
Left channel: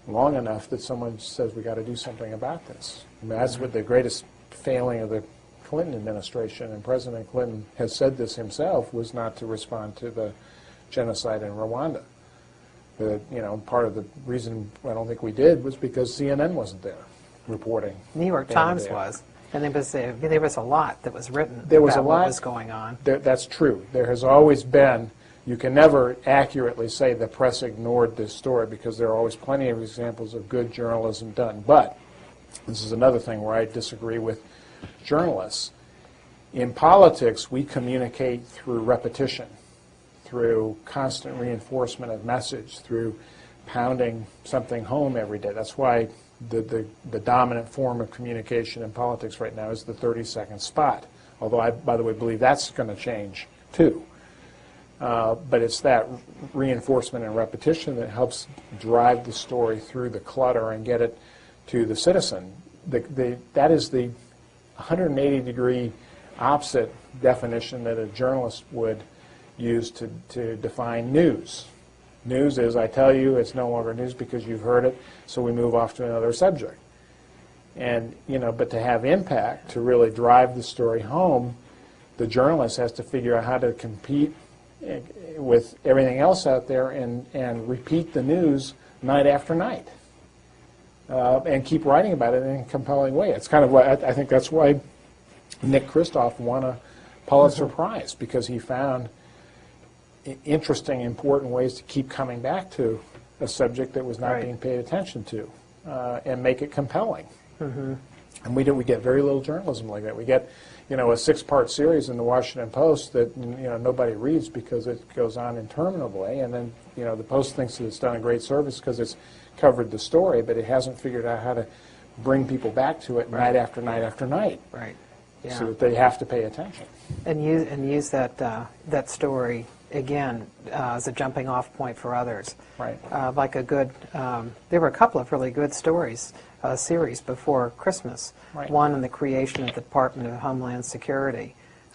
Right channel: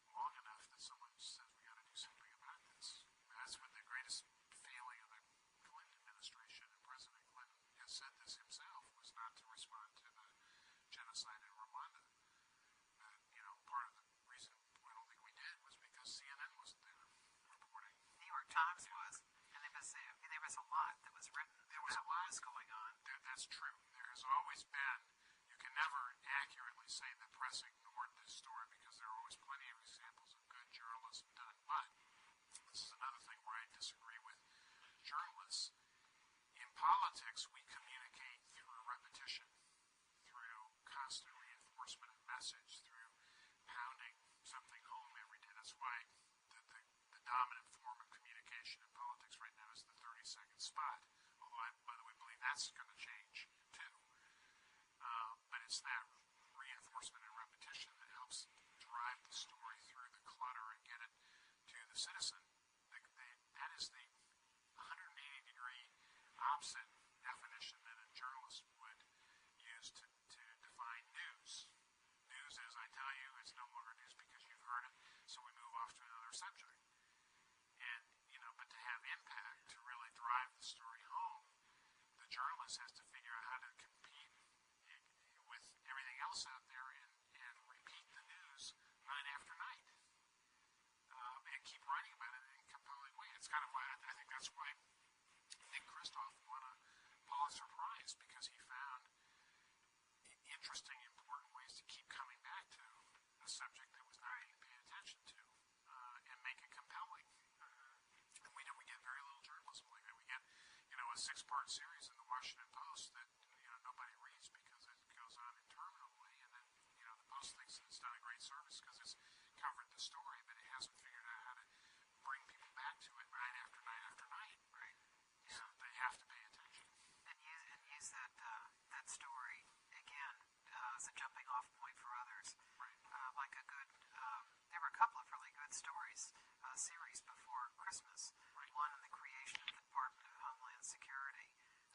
long enough that someone says we got to do something about this. I mean, that's what the greatest failing of the Clinton administration, and President Clinton has said this himself, was not to respond to the genocide in Rwanda. Part of the reason I don't think we did was because CNN wasn't there reporting. New York Times was, and there was a lot that was written about what was going on. That's true. There has always been. You can never accurately say the press ignored this story because there are always plenty of examples of good journalism done. But this is another thing where I disagree with journalists. In politics, we communicate through repetition, through constant reinforcement of message, through pounding something home every day. That's why the dominant form of communication in politics right now is the 30-second spot, although I, by the way, believe that's going to change too. But it's that reinforcement and repetition that helps drive the story through the clutter and get it to the citizen. That is the 180-degree opposite definition that a journalist would use to define news. News is, I tell you, it's no longer news because you've heard it, so we move off to another subject. And, but to have impact, to really drive the story home, the journalist has to figure out how to compete with everything else out there and repeat the news night after night and keep writing about it in a compelling way. It's kind of why I think that's why Nick Kristof won a Pulitzer Prize, because he found interesting, important ways to keep coming back to a subject that was not being paid attention to and make it compelling. And we get very little journalism like that. We get a 6-part series in the Washington Post that nobody reads because it goes on interminably, and then the Post thinks that it's done a great service because it's covered the story, but it hasn't figured out how to bring people back to it night after night after night. Right. Yeah. So that they have to pay attention. And use that story again as a jumping off point for others. Right. Like there were a couple of really good stories, series before Christmas. Right. One on the creation of the Department of Homeland Security,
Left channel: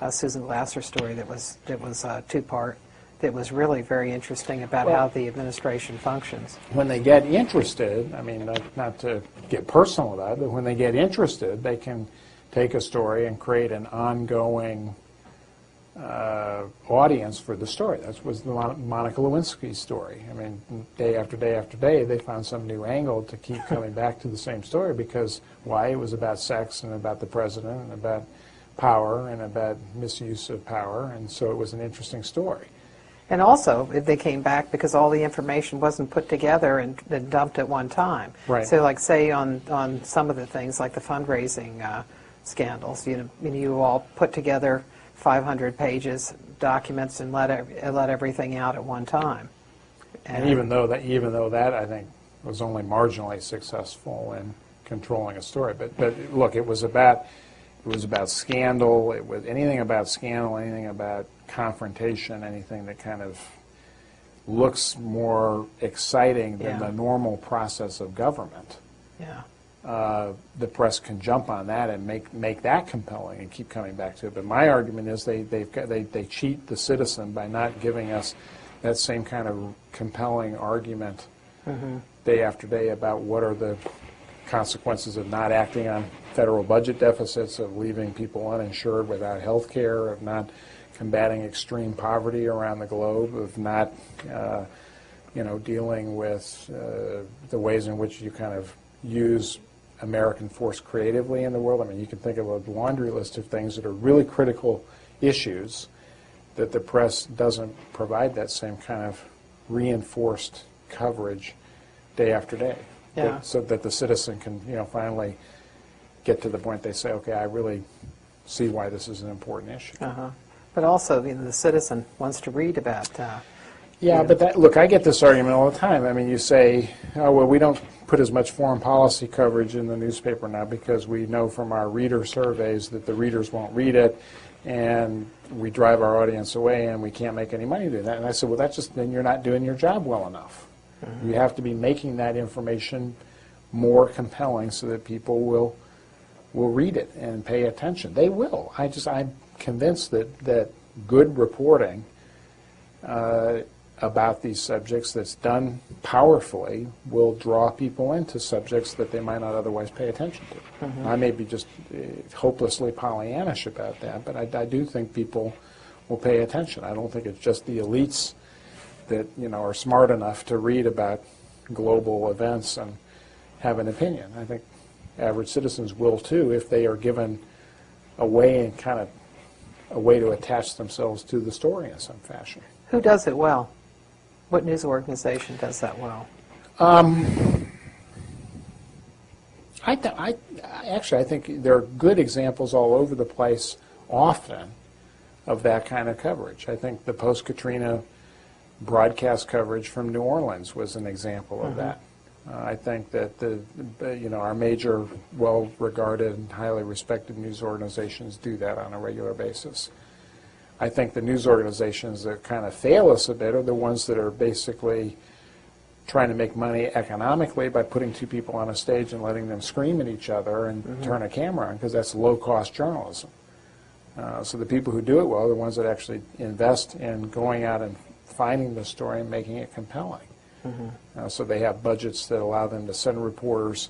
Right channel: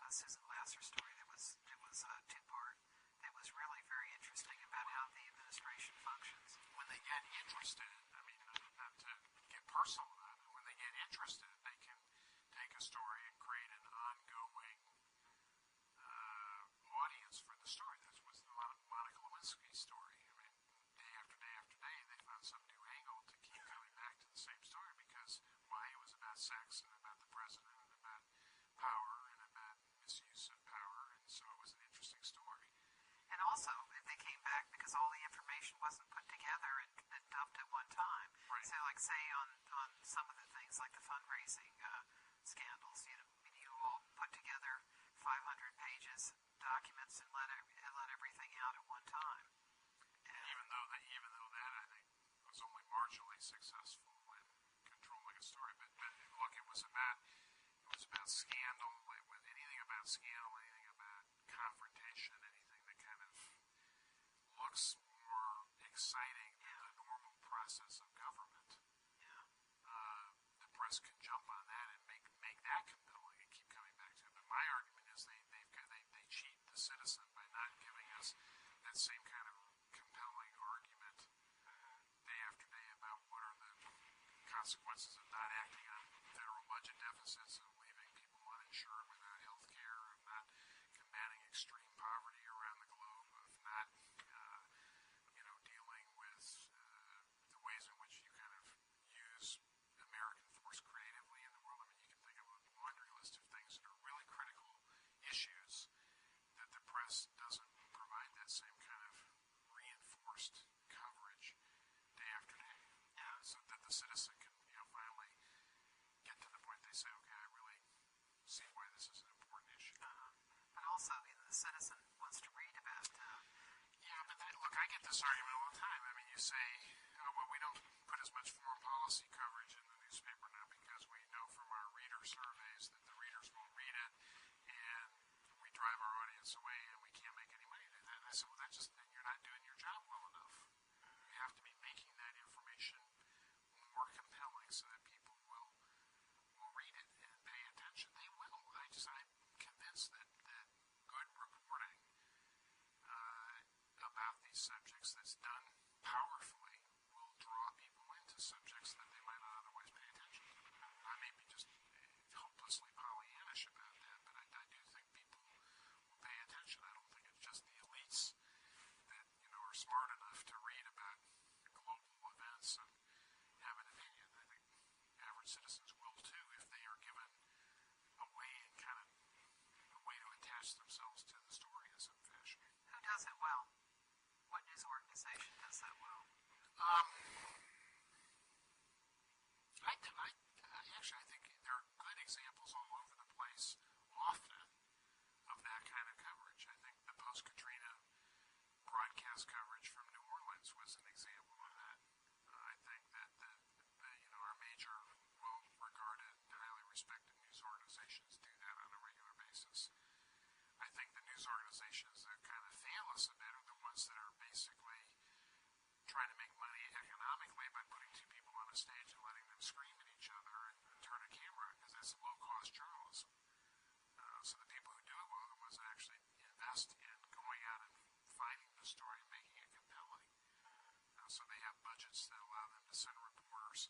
Susan Glasser story that was 2-part. That was really very interesting about how the administration functions. When they get interested, I mean, not to get personal about it, but when they get interested, they can take a story and create an ongoing audience for the story. That was the Monica Lewinsky story. I mean, day after day after day, they found some new angle to keep coming back to the same story because, why? It was about sex and about the president and about power and about misuse of power, and so it was an interesting story. And also, they came back because all the information wasn't put together and dumped at one time. Right. So, like, say on some of the things, like the fundraising scandals, you all put together 500 pages, documents, and let everything out at one time. And even though that I think was only marginally successful in controlling a story, but look, it was about scandal. It was anything about scandal, anything about confrontation, anything that kind of looks more exciting than the normal process of government. Yeah. The press can jump on that and make that compelling and keep coming back to it. But my argument is they cheat the citizen by not giving us that same kind of compelling argument day after day about what are the consequences of not acting on federal budget deficits, of leaving people uninsured without health care, of not combating extreme poverty around the globe, of not dealing with the ways in which you kind of use American force creatively in the world. I mean, you can think of a laundry list of things that are really critical issues that the press doesn't provide that same kind of reinforced coverage day after day. Yeah. So that the citizen can, finally get to the point they say, okay, I really see why this is an important issue. But also, the citizen wants to read about. Yeah, but look, I get this argument all the time. I mean, you say, oh, well, we don't put as much foreign policy coverage in the newspaper now because we know from our reader surveys that the readers won't read it, and we drive our audience away, and we can't make any money doing that. And I said, well, then you're not doing your job well enough. You have to be making that information more compelling so that people will read it and pay attention. They will. I'm convinced that good reporting about these subjects that's done powerfully will draw people into subjects that they might not otherwise pay attention to. I may be just hopelessly Pollyannish about that, but I do think people will pay attention. I don't think it's just the elites that are smart enough to read about global events and have an opinion. I think average citizens will too if they are given a way and kind of a way to attach themselves to the story in some fashion. Who does it well? What news organization does that well? Actually, I think there are good examples all over the place often of that kind of coverage. I think the post-Katrina broadcast coverage from New Orleans was an example of that. I think that our major, well-regarded, and highly respected news organizations do that on a regular basis. I think the news organizations that kind of fail us a bit are the ones that are basically trying to make money economically by putting two people on a stage and letting them scream at each other and turn a camera on, because that's low-cost journalism. So the people who do it well are the ones that actually invest in going out and finding the story and making it compelling. So they have budgets that allow them to send reporters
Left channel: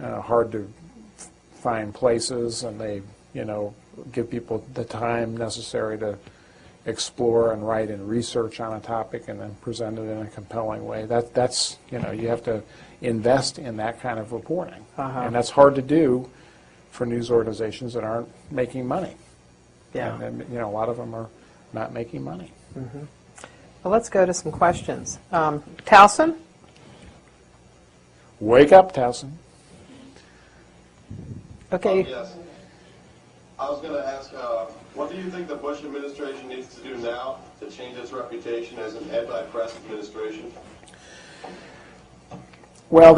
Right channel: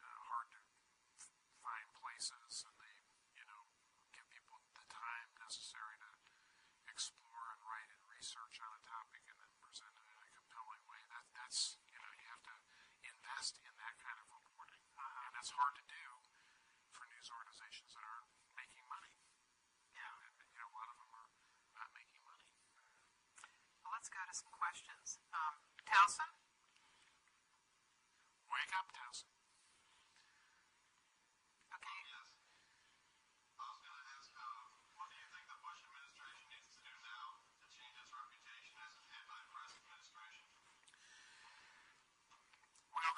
hard to find places, and they give people the time necessary to explore and write and research on a topic and then present it in a compelling way. That's you have to invest in that kind of reporting, and that's hard to do for news organizations that aren't making money. Yeah. And a lot of them are not making money. Well, let's go to some questions. Towson? Wake up, Towson. Okay. Yes. I was going to ask, what do you think the Bush administration needs to do now to change its reputation as an anti-press administration? Well,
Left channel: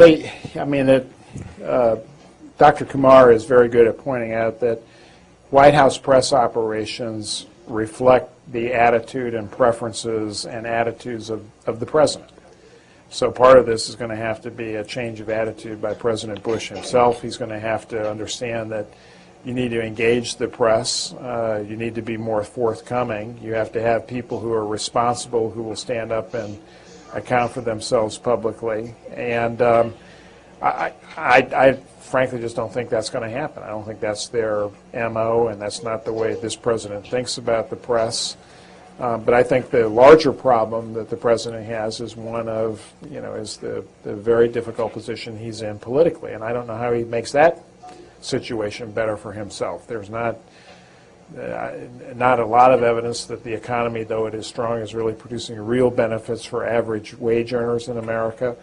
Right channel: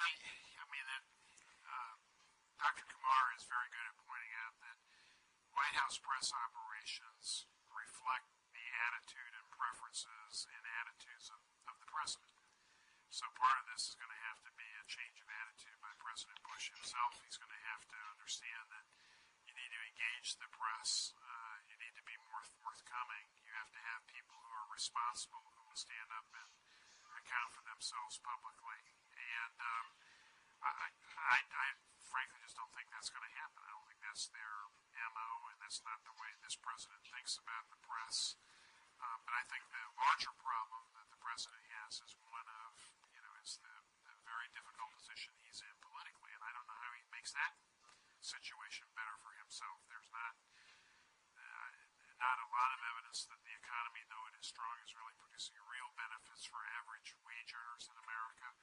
Dr. Kumar is very good at pointing out that White House press operations reflect the attitude and preferences and attitudes of the president. So part of this is going to have to be a change of attitude by President Bush himself. He's going to have to understand that you need to engage the press. You need to be more forthcoming. You have to have people who are responsible, who will stand up and account for themselves publicly. And I frankly just don't think that's going to happen. I don't think that's their MO, and that's not the way this president thinks about the press. But I think the larger problem that the president has is one of, is the very difficult position he's in politically. And I don't know how he makes that situation better for himself. There's not a lot of evidence that the economy, though it is strong, is really producing real benefits for average wage earners in America.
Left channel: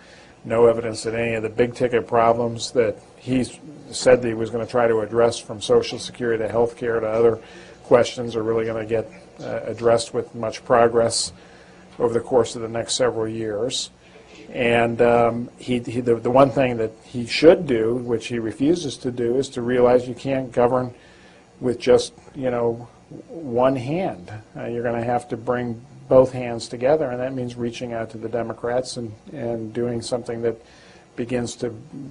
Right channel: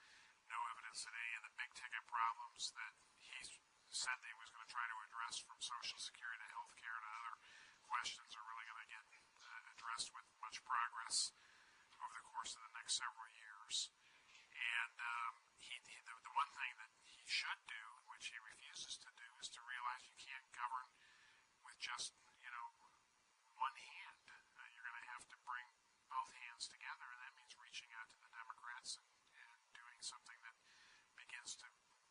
No evidence that any of the big ticket problems that he said that he was going to try to address, from Social Security to health care to other questions, are really going to get addressed with much progress over the course of the next several years. And the one thing that he should do, which he refuses to do, is to realize you can't govern with just one hand. You're going to have to bring both hands together, and that means reaching out to the Democrats and doing something that begins to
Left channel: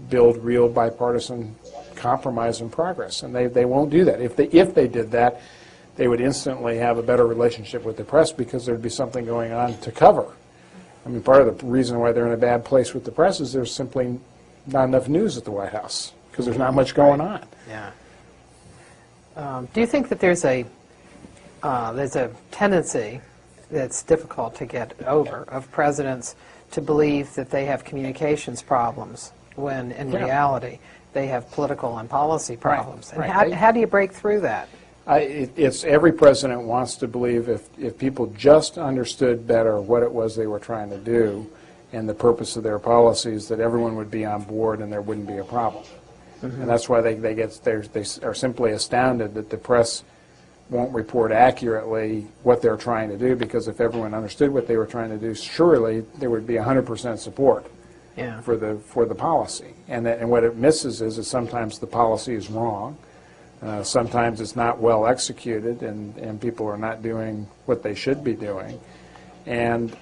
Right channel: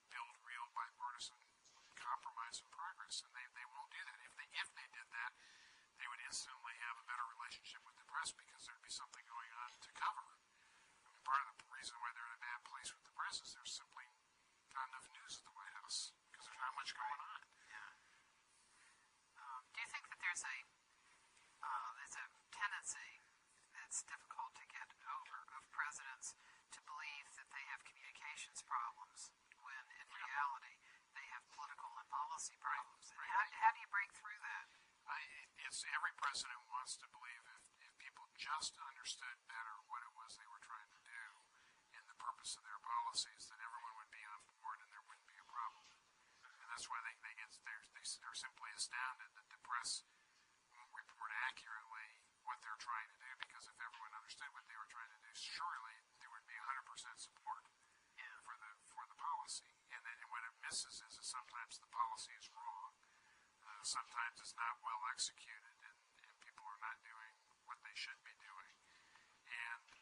build real bipartisan compromise and progress. And they won't do that. If they did that, they would instantly have a better relationship with the press, because there'd be something going on to cover. I mean, part of the reason why they're in a bad place with the press is there's simply not enough news at the White House, because there's not much going on. Yeah. Do you think that there's a tendency that's difficult to get over of presidents to believe that they have communications problems when in reality they have political and policy problems? Right. And how do you break through that? It's every president wants to believe if people just understood better what it was they were trying to do and the purpose of their policies, that everyone would be on board and there wouldn't be a problem. And that's why they are simply astounded that the press won't report accurately what they're trying to do, because if everyone understood what they were trying to do, surely there would be 100% support for the policy. And what it misses is that sometimes the policy is wrong. Sometimes it's not well executed, and people are not doing what they should be doing. And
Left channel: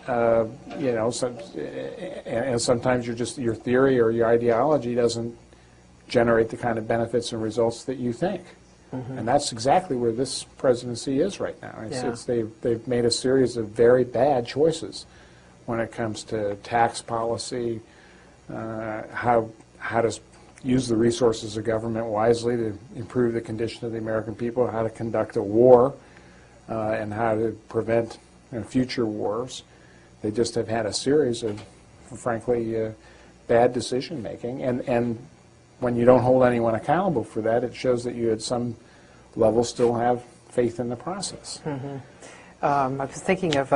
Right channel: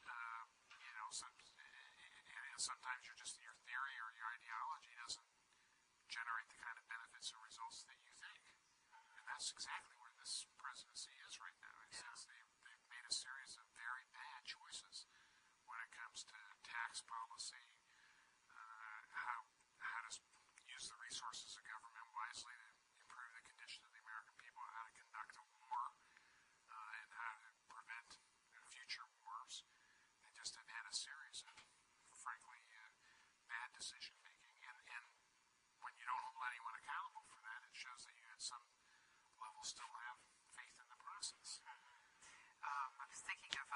and sometimes your theory or your ideology doesn't generate the kind of benefits and results that you think. And that's exactly where this presidency is right now. They've made a series of very bad choices when it comes to tax policy, how to use the resources of government wisely to improve the condition of the American people, how to conduct a war, and how to prevent future wars. They just have had a series of, frankly, bad decision making, and when you don't hold anyone accountable for that, it shows that you at some level still have faith in the process. I was thinking of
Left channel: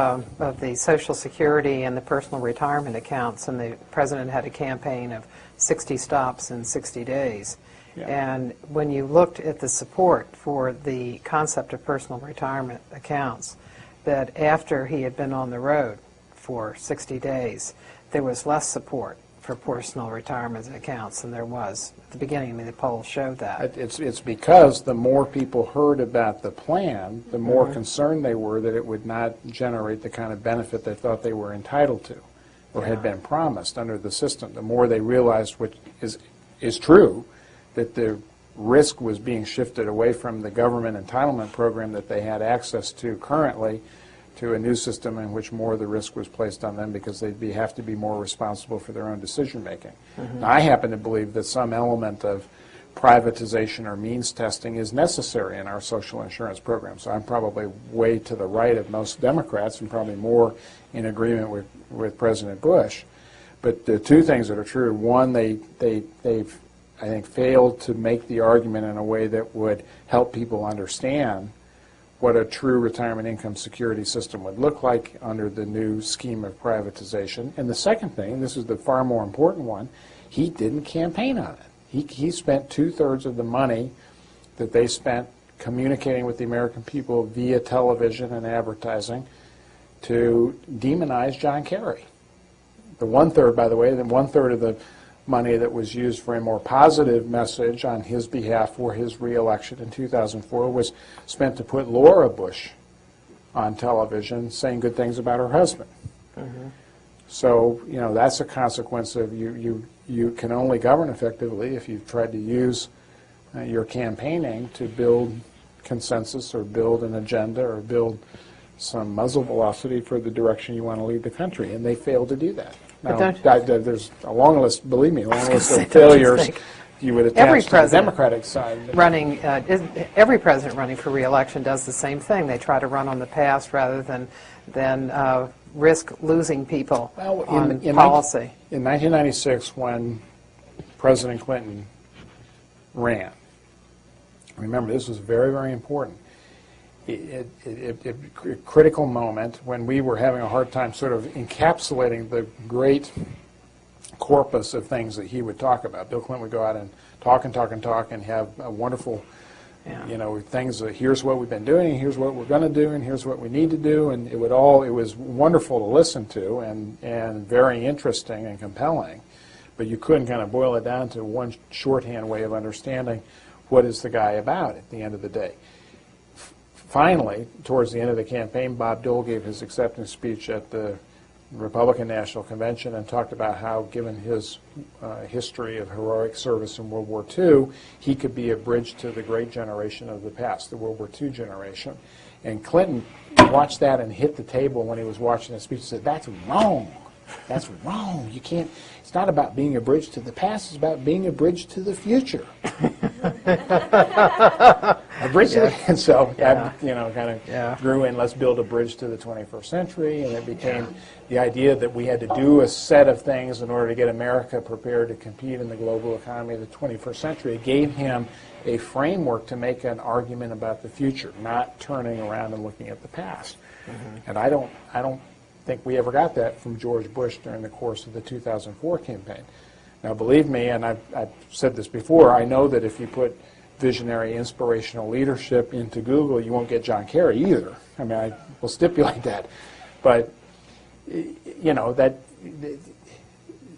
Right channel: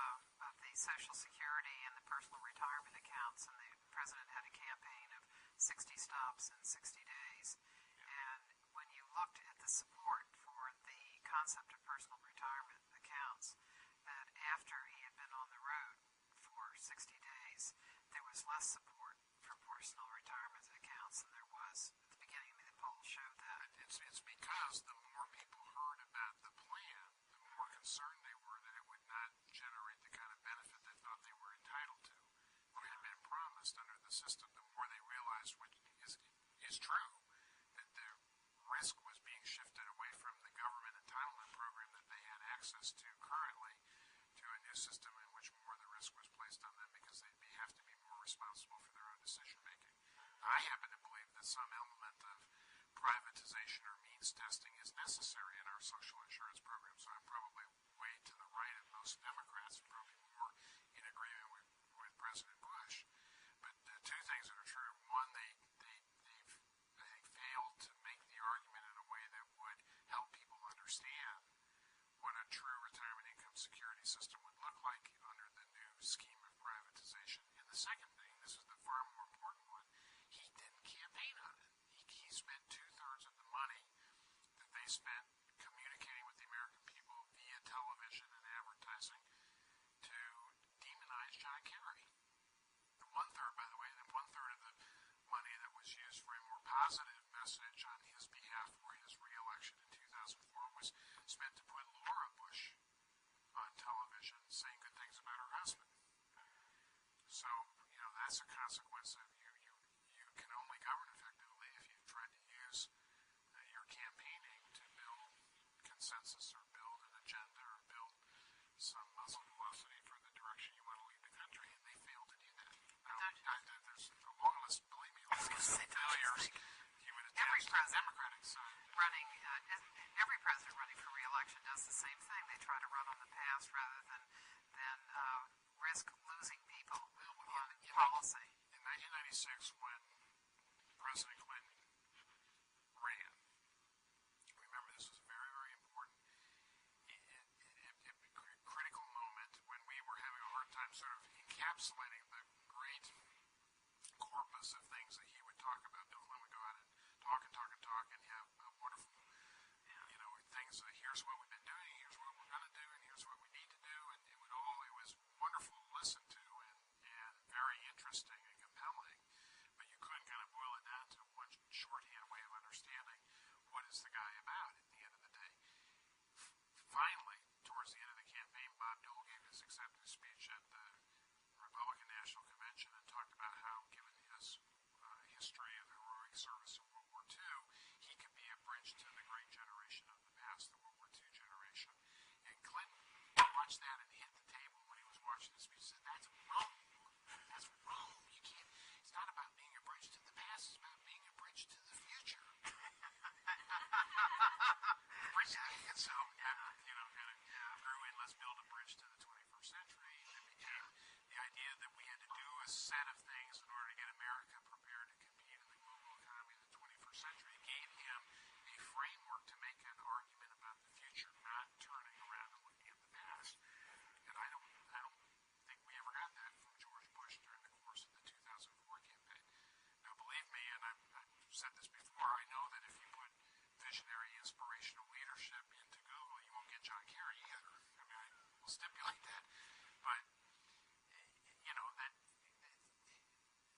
the Social Security and the personal retirement accounts, and the president had a campaign of 60 stops in 60 days. Yeah. And when you looked at the support for the concept of personal retirement accounts, that after he had been on the road for 60 days, there was less support for personal retirement accounts than there was at the beginning. I mean, the polls showed that. It's because the more people heard about the plan, the more concerned they were that it would not generate the kind of benefit they thought they were entitled to or had been promised under the system. The more they realized, which is true, that the risk was being shifted away from the government entitlement program that they had access to currently to a new system in which more of the risk was placed on them because they'd have to be more responsible for their own decision making. Now, I happen to believe that some element of privatization or means testing is necessary in our social insurance program. So I'm probably way to the right of most Democrats and probably more in agreement with President Bush. But the two things that are true: one, they've I think failed to make the argument in a way that would help people understand what a true retirement income security system would look like under the new scheme of privatization. And the second thing, this is the far more important one, he didn't campaign on it. He spent 2/3 of the money that they spent communicating with the American people via television and advertising to demonize John Kerry. The 1/3, by the way, the 1/3 of the money that was used for a more positive message on his behalf for his reelection in 2004 was spent to put Laura Bush on television saying good things about her husband. So, you know, that's a consequence of you can only govern effectively if you've tried to use your campaigning to build consensus or build an agenda or build some muzzle velocity for the direction you want to lead the country, and they failed to do that. Now, there's a long list, believe me, a long list of failures you would attach to the Democratic side. Every president running for re-election does the same thing. They try to run on the past rather than risk losing people on policy. In 1996, when President Clinton ran, remember, this was very, very important. A critical moment when we were having a hard time sort of encapsulating the great corpus of things that he would talk about. Bill Clinton would go out and talk and talk and talk and have a wonderful, you know, things that here's what we've been doing, here's what we're going to do, and here's what we need to do, and it was wonderful to listen to and very interesting and compelling, but you couldn't kind of boil it down to one shorthand way of understanding what is the guy about at the end of the day. Finally, towards the end of the campaign, Bob Dole gave his acceptance speech at the Republican National Convention and talked about how, given his history of heroic service in World War II, he could be a bridge to the great generation of the past, the World War II generation. And Clinton watched that and hit the table when he was watching the speech and said, "That's wrong. That's wrong. You can't. It's not about being a bridge to the past. It's about being a bridge to the future." A bridge to the, and so that, you know, kind of grew in, let's build a bridge to the 21st century, and it became the idea that we had to do a set of things in order to get America prepared to compete in the global economy of the 21st century. It gave him a framework to make an argument about the future, not turning around and looking at the past. And I don't think we ever got that from George Bush during the course of the 2004 campaign. Now, believe me, and I've said this before, I know that if you put visionary, inspirational leadership into Google, you won't get John Kerry either. I mean, I will stipulate that. But, you know,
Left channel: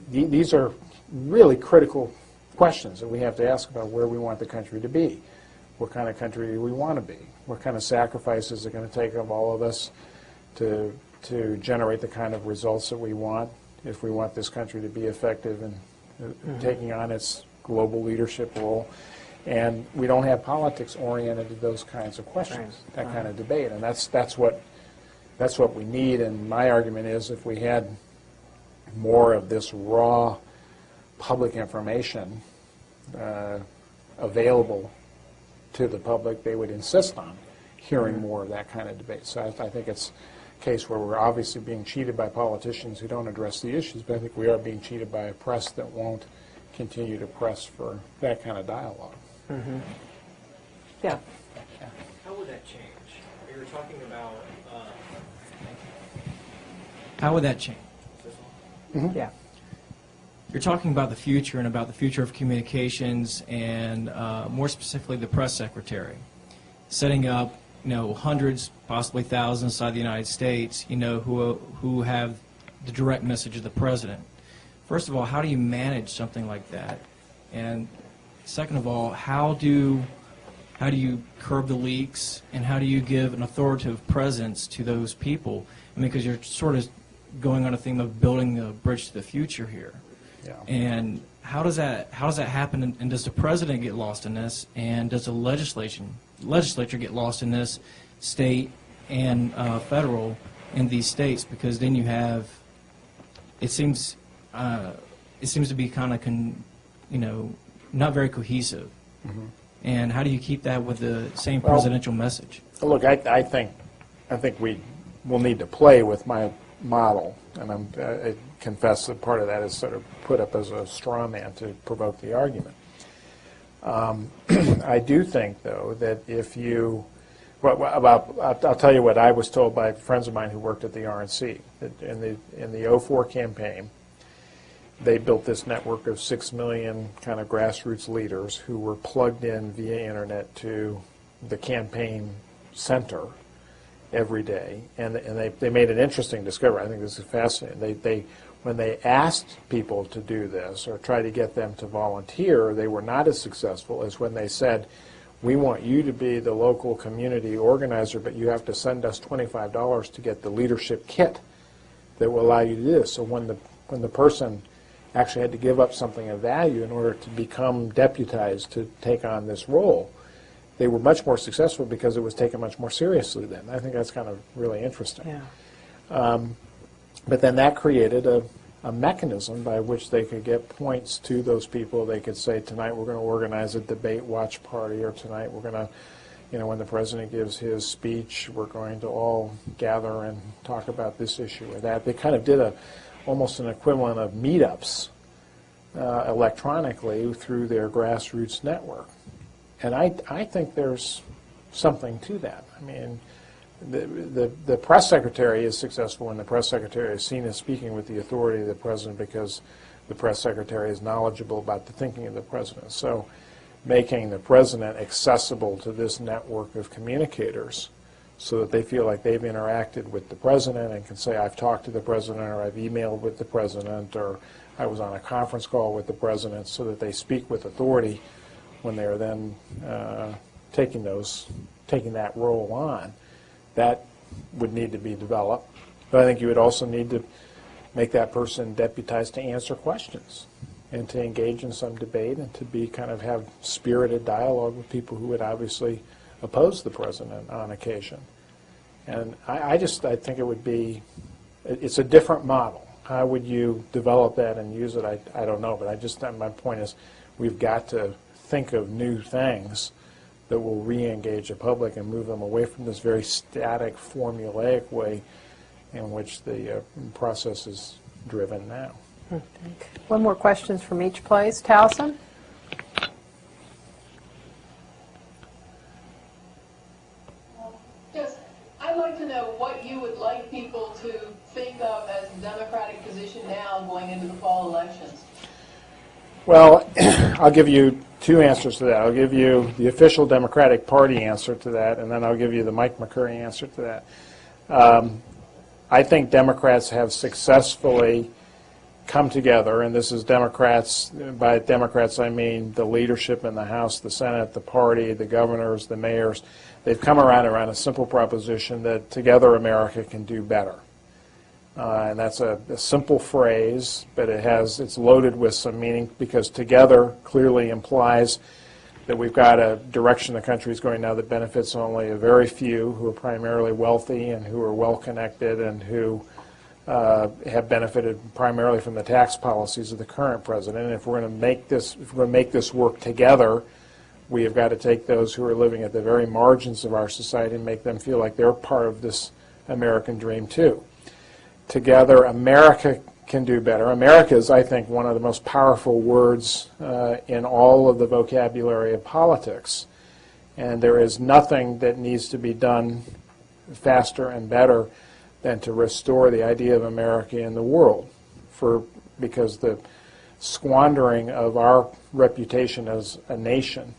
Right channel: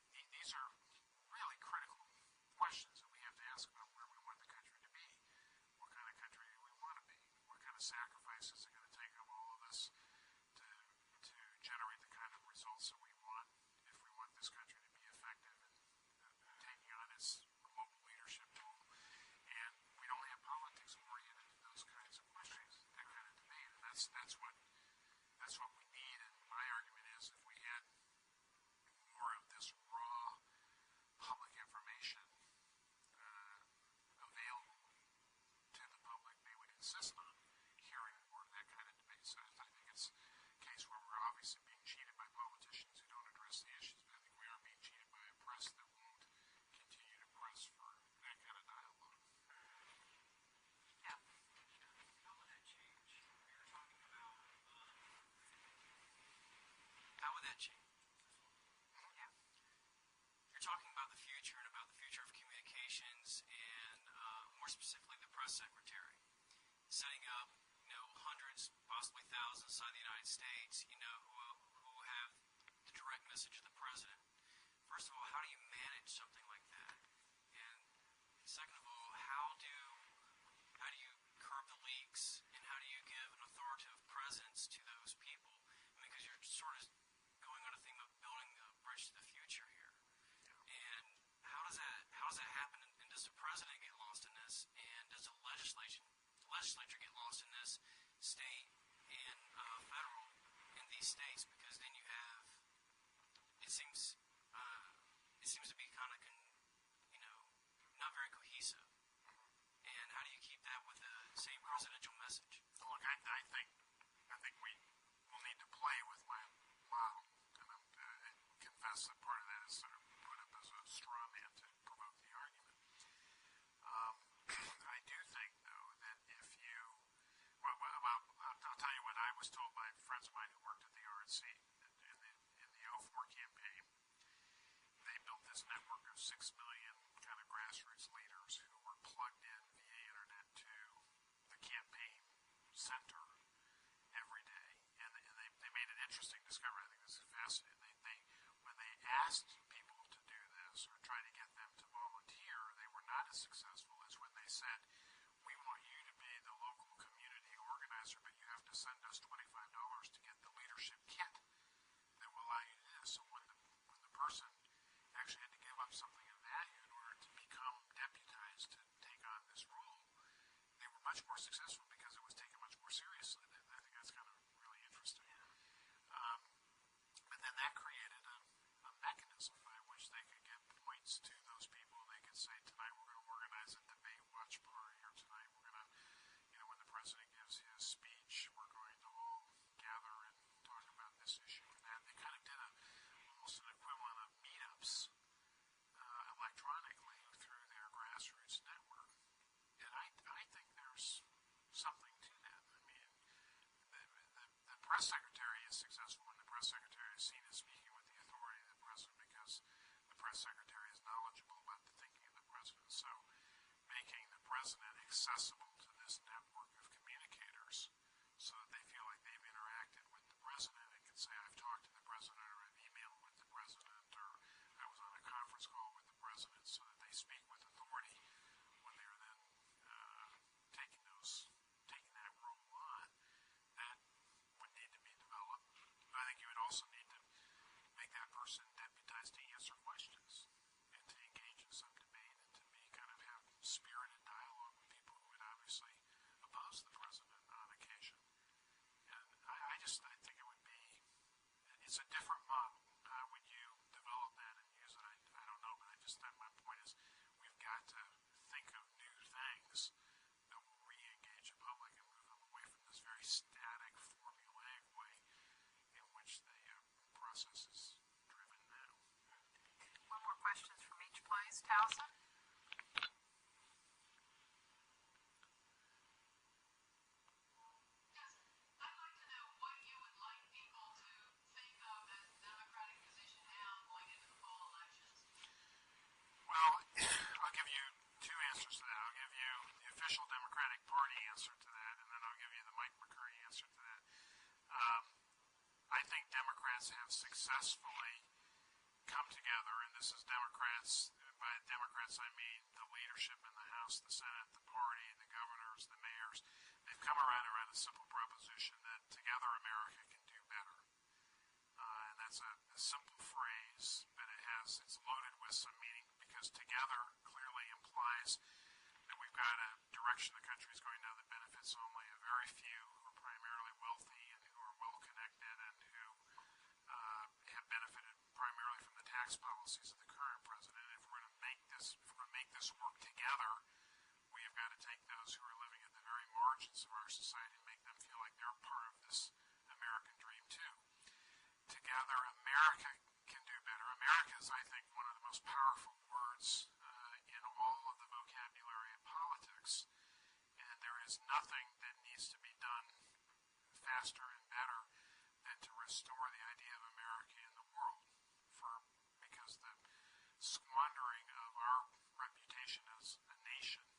these are really critical questions that we have to ask about where we want the country to be. What kind of country do we want to be? What kind of sacrifices are going to take of all of us to generate the kind of results that we want if we want this country to be effective in taking on its global leadership role. And we don't have politics oriented to those kinds of questions, that kind of debate. And that's what That's what we need, and my argument is if we had more of this raw public information available to the public, they would insist on hearing more of that kind of debate. So I think it's a case where we're obviously being cheated by politicians who don't address the issues, but I think we are being cheated by a press that won't continue to press for that kind of dialogue. Mm-hmm. Yeah. How would that change? You were talking about, how would that change? Mm-hmm. Yeah. You're talking about the future and about the future of communications and more specifically the press secretary. Setting up, hundreds, possibly thousands inside the United States, who have the direct message of the president. First of all, how do you manage something like that? And second of all, how do you curb the leaks, and how do you give an authoritative presence to those people? I mean, because you're sort of going on a theme of building the bridge to the future here. Yeah. And how does that happen? And does the president get lost in this? And does the legislature get lost in this, state and federal, in these states? Because then you have, it seems to be kind of not very cohesive. Mm-hmm. And how do you keep that with the same Well, presidential message? Look, I think we will need to play with my model, and I confess that part of that is sort of put up as a straw man to provoke the argument. I do think, though, that if you, I'll tell you what I was told by friends of mine who worked at the RNC. That in the 04 campaign, they built this network of 6 million kind of grassroots leaders who were plugged in via internet to the campaign center every day, and they made an interesting discovery. I think this is fascinating. When they asked people to do this or tried to get them to volunteer, they were not as successful as when they said, we want you to be the local community organizer, but you have to send us $25 to get the leadership kit that will allow you to do this. So when the person actually had to give up something of value in order to become deputized to take on this role, they were much more successful because it was taken much more seriously then. I think that's kind of really interesting. Yeah. But then that created a mechanism by which they could get points to those people. They could say, tonight we're going to organize a debate watch party, or tonight we're going to, when the president gives his speech, we're going to all gather and talk about this issue or that. They kind of did almost an equivalent of meetups electronically through their grassroots network. And I think there's something to that. I mean, the press secretary is successful when the press secretary is seen as speaking with the authority of the president because the press secretary is knowledgeable about the thinking of the president. So making the president accessible to this network of communicators so that they feel like they've interacted with the president and can say, I've talked to the president, or I've emailed with the president, or I was on a conference call with the president, so that they speak with authority when they are then taking that role on. That would need to be developed. But I think you would also need to make that person deputized to answer questions and to engage in some debate and to be kind of have spirited dialogue with people who would obviously oppose the president on occasion. And I think it would be, it's a different model. How would you develop that and use it? I don't know, but my point is we've got to think of new things that will re-engage the public and move them away from this very static, formulaic way in which the process is driven now. One more questions from each place. Towson? Yes, I'd like to know what you would like people to think of as the Democratic position now going into the fall elections. Well, I'll give you two answers to that. I'll give you the official Democratic Party answer to that, and then I'll give you the Mike McCurry answer to that. I think Democrats have successfully come together, and this is Democrats, by Democrats I mean the leadership in the House, the Senate, the party, the governors, the mayors. They've come around a simple proposition that together America can do better. And that's a simple phrase, but it's loaded with some meaning, because together clearly implies that we've got a direction the country is going now that benefits only a very few who are primarily wealthy and who are well connected and who have benefited primarily from the tax policies of the current president. And if we're going to make this work together, we have got to take those who are living at the very margins of our society and make them feel like they're part of this American dream too. Together, America can do better. America is, I think, one of the most powerful words in all of the vocabulary of politics. And there is nothing that needs to be done faster and better than to restore the idea of America in the world, because the squandering of our reputation as a nation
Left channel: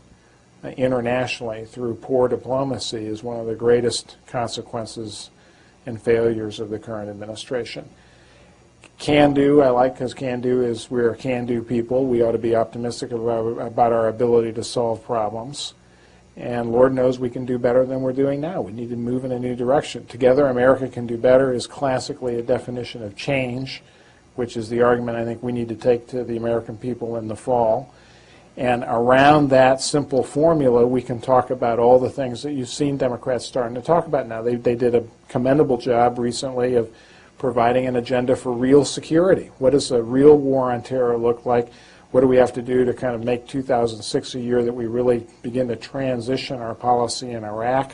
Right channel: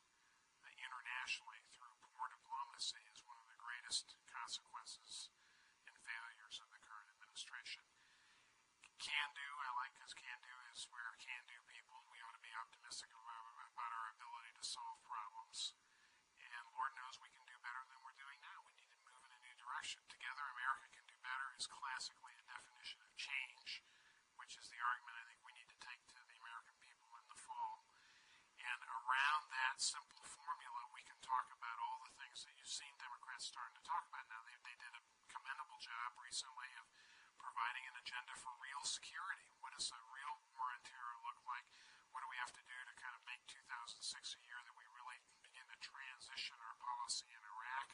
internationally through poor diplomacy is one of the greatest consequences and failures of the current administration. Can do, I like, because can do is we're a can do people. We ought to be optimistic about our ability to solve problems. And Lord knows we can do better than we're doing now. We need to move in a new direction. Together, America can do better is classically a definition of change, which is the argument I think we need to take to the American people in the fall. And around that simple formula, we can talk about all the things that you've seen Democrats starting to talk about now. They did a commendable job recently of providing an agenda for real security. What does a real war on terror look like? What do we have to do to kind of make 2006 a year that we really begin to transition our policy in Iraq?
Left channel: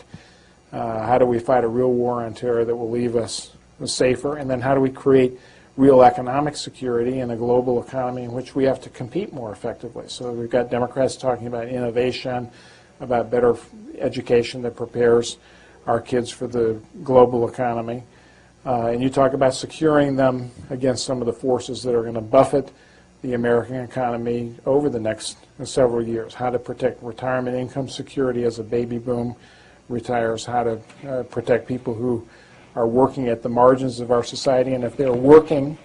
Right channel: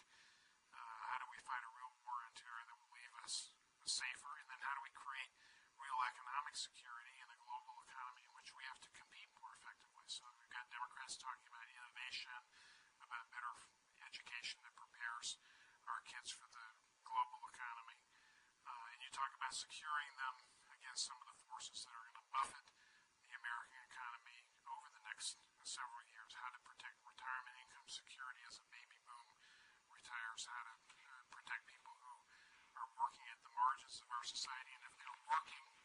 How do we fight a real war on terror that will leave us safer? And then how do we create real economic security in a global economy in which we have to compete more effectively? So we've got Democrats talking about innovation, about better education that prepares our kids for the global economy. And you talk about securing them against some of the forces that are going to buffet the American economy over the next several years, how to protect retirement income security as a baby boom retires, how to protect people who are working at the margins of our society, and if they're working,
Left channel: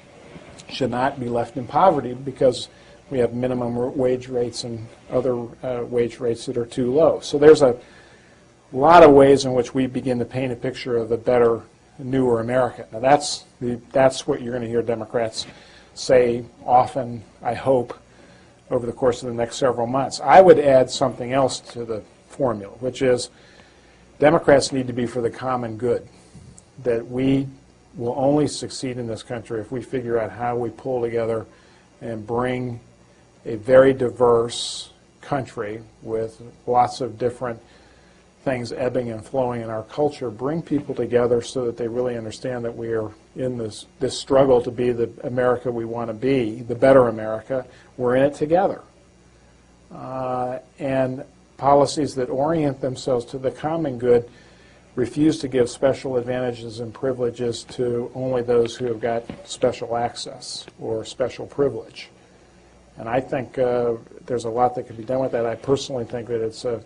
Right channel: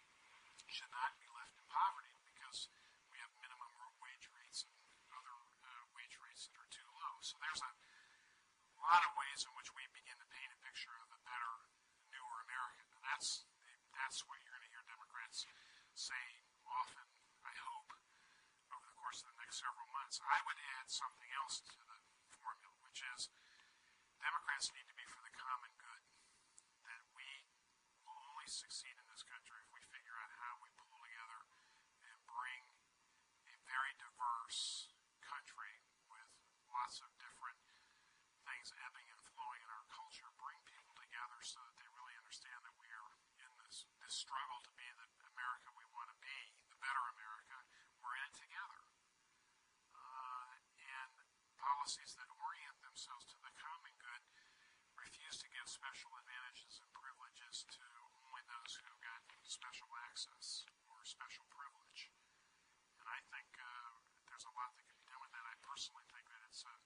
should not be left in poverty because we have minimum wage rates and other wage rates that are too low. So there's a lot of ways in which we begin to paint a picture of a better, newer America. Now that's what you're going to hear Democrats say often, I hope, over the course of the next several months. I would add something else to the formula, which is Democrats need to be for the common good, that we will only succeed in this country if we figure out how we pull together and bring a very diverse country with lots of different things ebbing and flowing in our culture, bring people together so that they really understand that we are in this struggle to be the America we want to be, the better America. We're in it together. And policies that orient themselves to the common good refuse to give special advantages and privileges to only those who have got special access or special privilege. And I think there's a lot that could be done with that. I personally think that it's a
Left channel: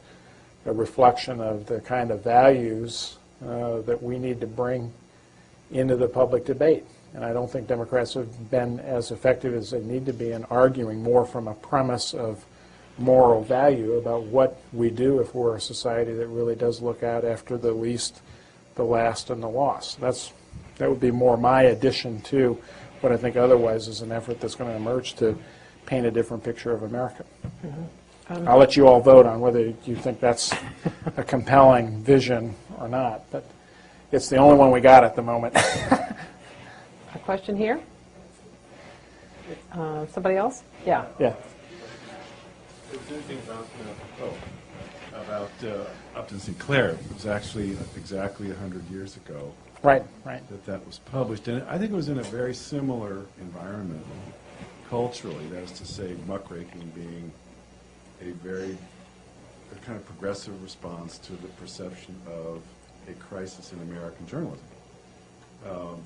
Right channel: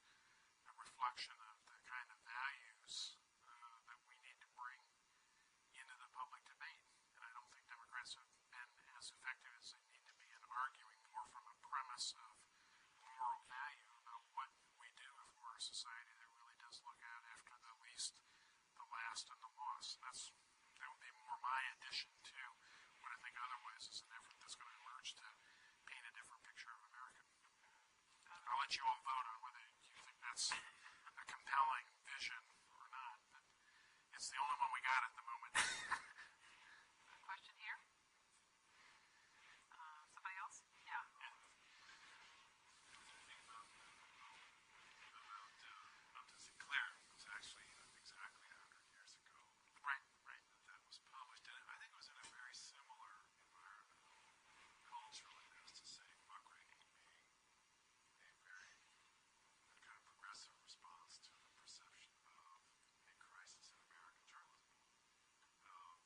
reflection of the kind of values that we need to bring into the public debate. And I don't think Democrats have been as effective as they need to be in arguing more from a premise of moral value about what we do if we're a society that really does look out after the least, the last, and the lost. That would be more my addition to what I think otherwise is an effort that's going to emerge to paint a different picture of America. Mm-hmm. I'll let you all vote on whether you think that's a compelling vision or not, but it's the only one we got at the moment. A question here? Somebody else? Yeah. Yeah. There was anything about Upton Sinclair. It was actually exactly 100 years ago. Right. That was published, and I think it was in a very similar environment culturally. That is to say, muckraking being a kind of progressive response to the perception of a crisis in American journalism.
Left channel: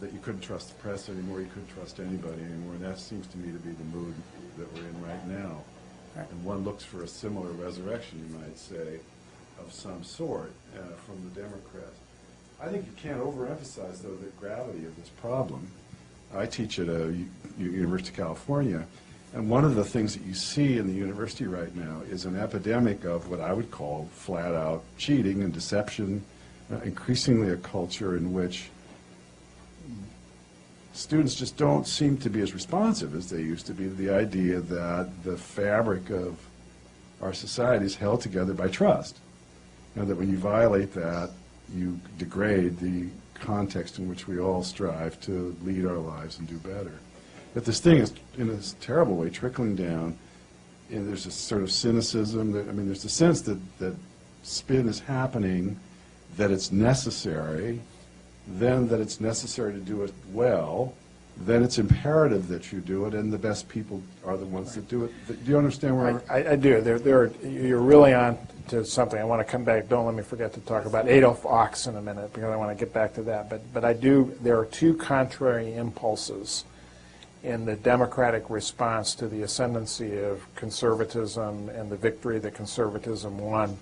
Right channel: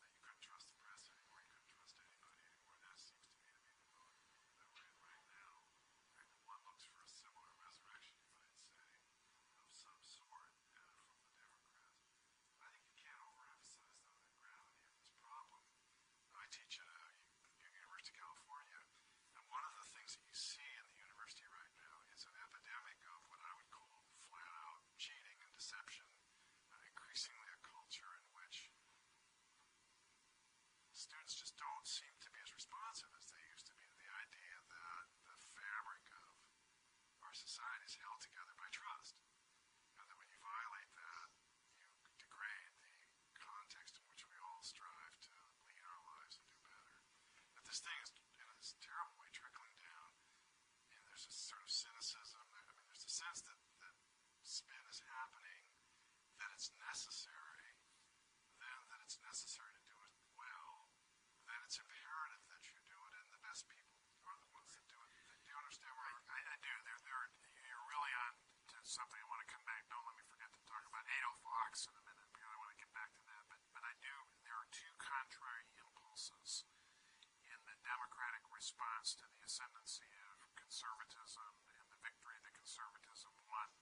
That you couldn't trust the press anymore, you couldn't trust anybody anymore, and that seems to me to be the mood that we're in right now. Right. And one looks for a similar resurrection, you might say, of some sort from the Democrats. I think you can't overemphasize, though, the gravity of this problem. I teach at University of California, and one of the things that you see in the university right now is an epidemic of what I would call flat-out cheating and deception, increasingly a culture in which students just don't seem to be as responsive as they used to be to the idea that the fabric of our society is held together by trust. And that when you violate that, you degrade the context in which we all strive to lead our lives and do better. But this thing is, in a terrible way, trickling down, and there's a sort of cynicism. That, I mean, there's a sense that spin is happening, that it's necessary, then that it's necessary to do it well, then it's imperative that you do it, and the best people are the ones that do it. Do you understand where I do. You're really on to something. I want to come back. Don't let me forget to talk about Adolf Ochs in a minute, because I want to get back to that. But I do. There are two contrary impulses in the democratic response to the ascendancy of conservatism and the victory that conservatism won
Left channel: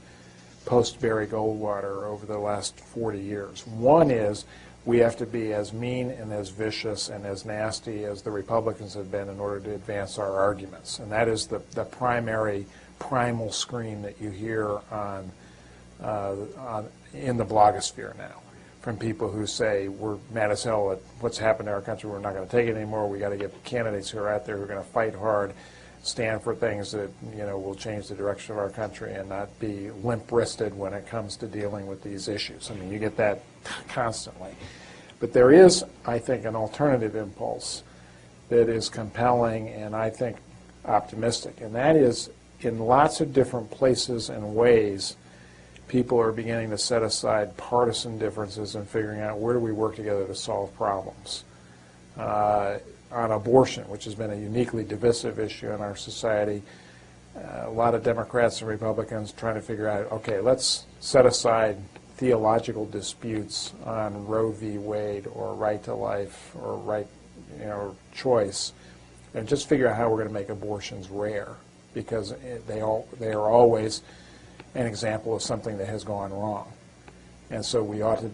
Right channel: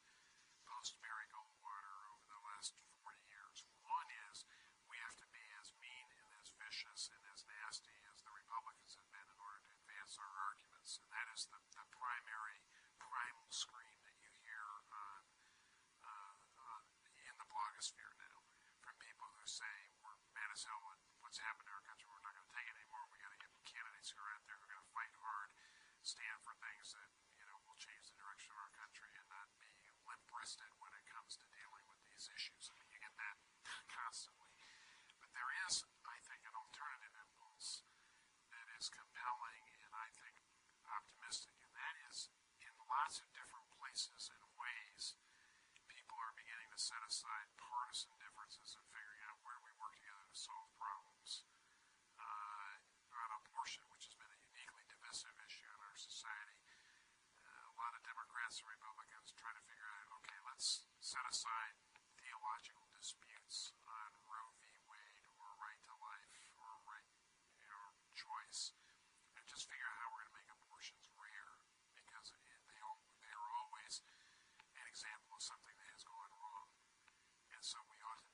post-Barry Goldwater over the last 40 years. One is we have to be as mean and as vicious and as nasty as the Republicans have been in order to advance our arguments. And that is the primary, primal scream that you hear in the blogosphere now from people who say, we're mad as hell at what's happened to our country, we're not going to take it anymore, we got to get candidates who are out there who are going to fight hard, stand for things that will change the direction of our country and not be limp-wristed when it comes to dealing with these issues. I mean, you get that constantly. But there is, I think, an alternative impulse that is compelling and I think optimistic, and that is in lots of different places and ways people are beginning to set aside partisan differences and figuring out where do we work together to solve problems. On abortion, which has been a uniquely divisive issue in our society, a lot of Democrats and Republicans trying to figure out, okay, let's set aside theological disputes on Roe v. Wade or right to life or right, choice, and just figure out how we're going to make abortions rare, because they are always an example of something that has gone wrong. And so we ought to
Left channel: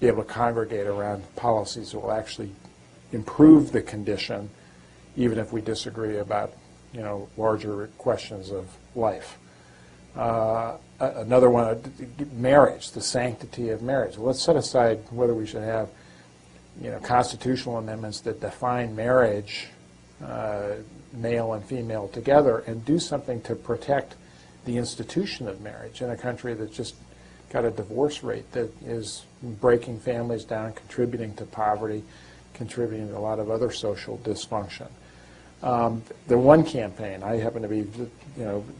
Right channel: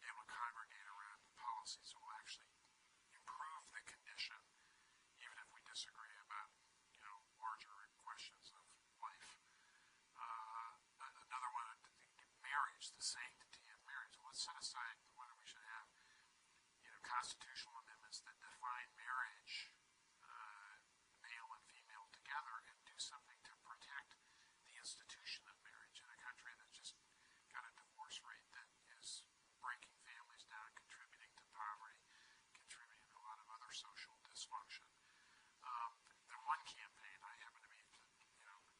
be able to congregate around policies that will actually improve the condition, even if we disagree about, larger questions of life. Another one, marriage, the sanctity of marriage. Well, let's set aside whether we should have, constitutional amendments that define marriage, male and female together, and do something to protect the institution of marriage in a country that's just got a divorce rate that is breaking families down, contributing to poverty, contributing to a lot of other social dysfunction. The One campaign, I happen to be,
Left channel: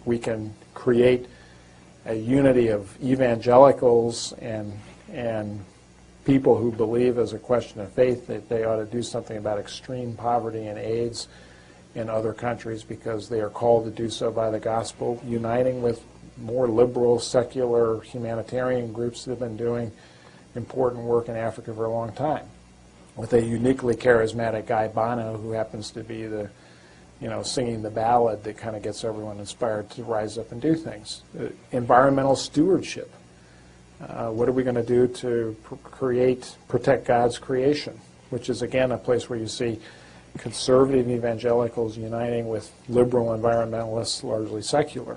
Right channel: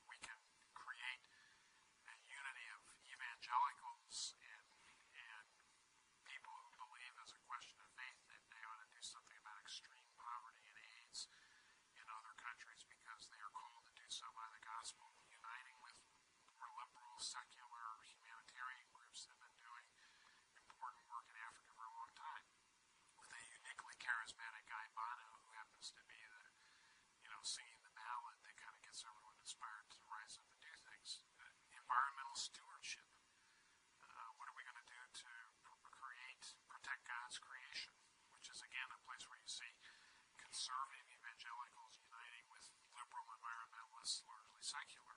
we can create a unity of evangelicals and people who believe as a question of faith that they ought to do something about extreme poverty and AIDS in other countries because they are called to do so by the gospel, uniting with more liberal, secular, humanitarian groups that have been doing important work in Africa for a long time, with a uniquely charismatic guy, Bono, who happens to be the, singing the ballad that kind of gets everyone inspired to rise up and do things. Environmental stewardship. What are we going to do to protect God's creation, which is, again, a place where you see conservative evangelicals uniting with liberal environmentalists, largely secular.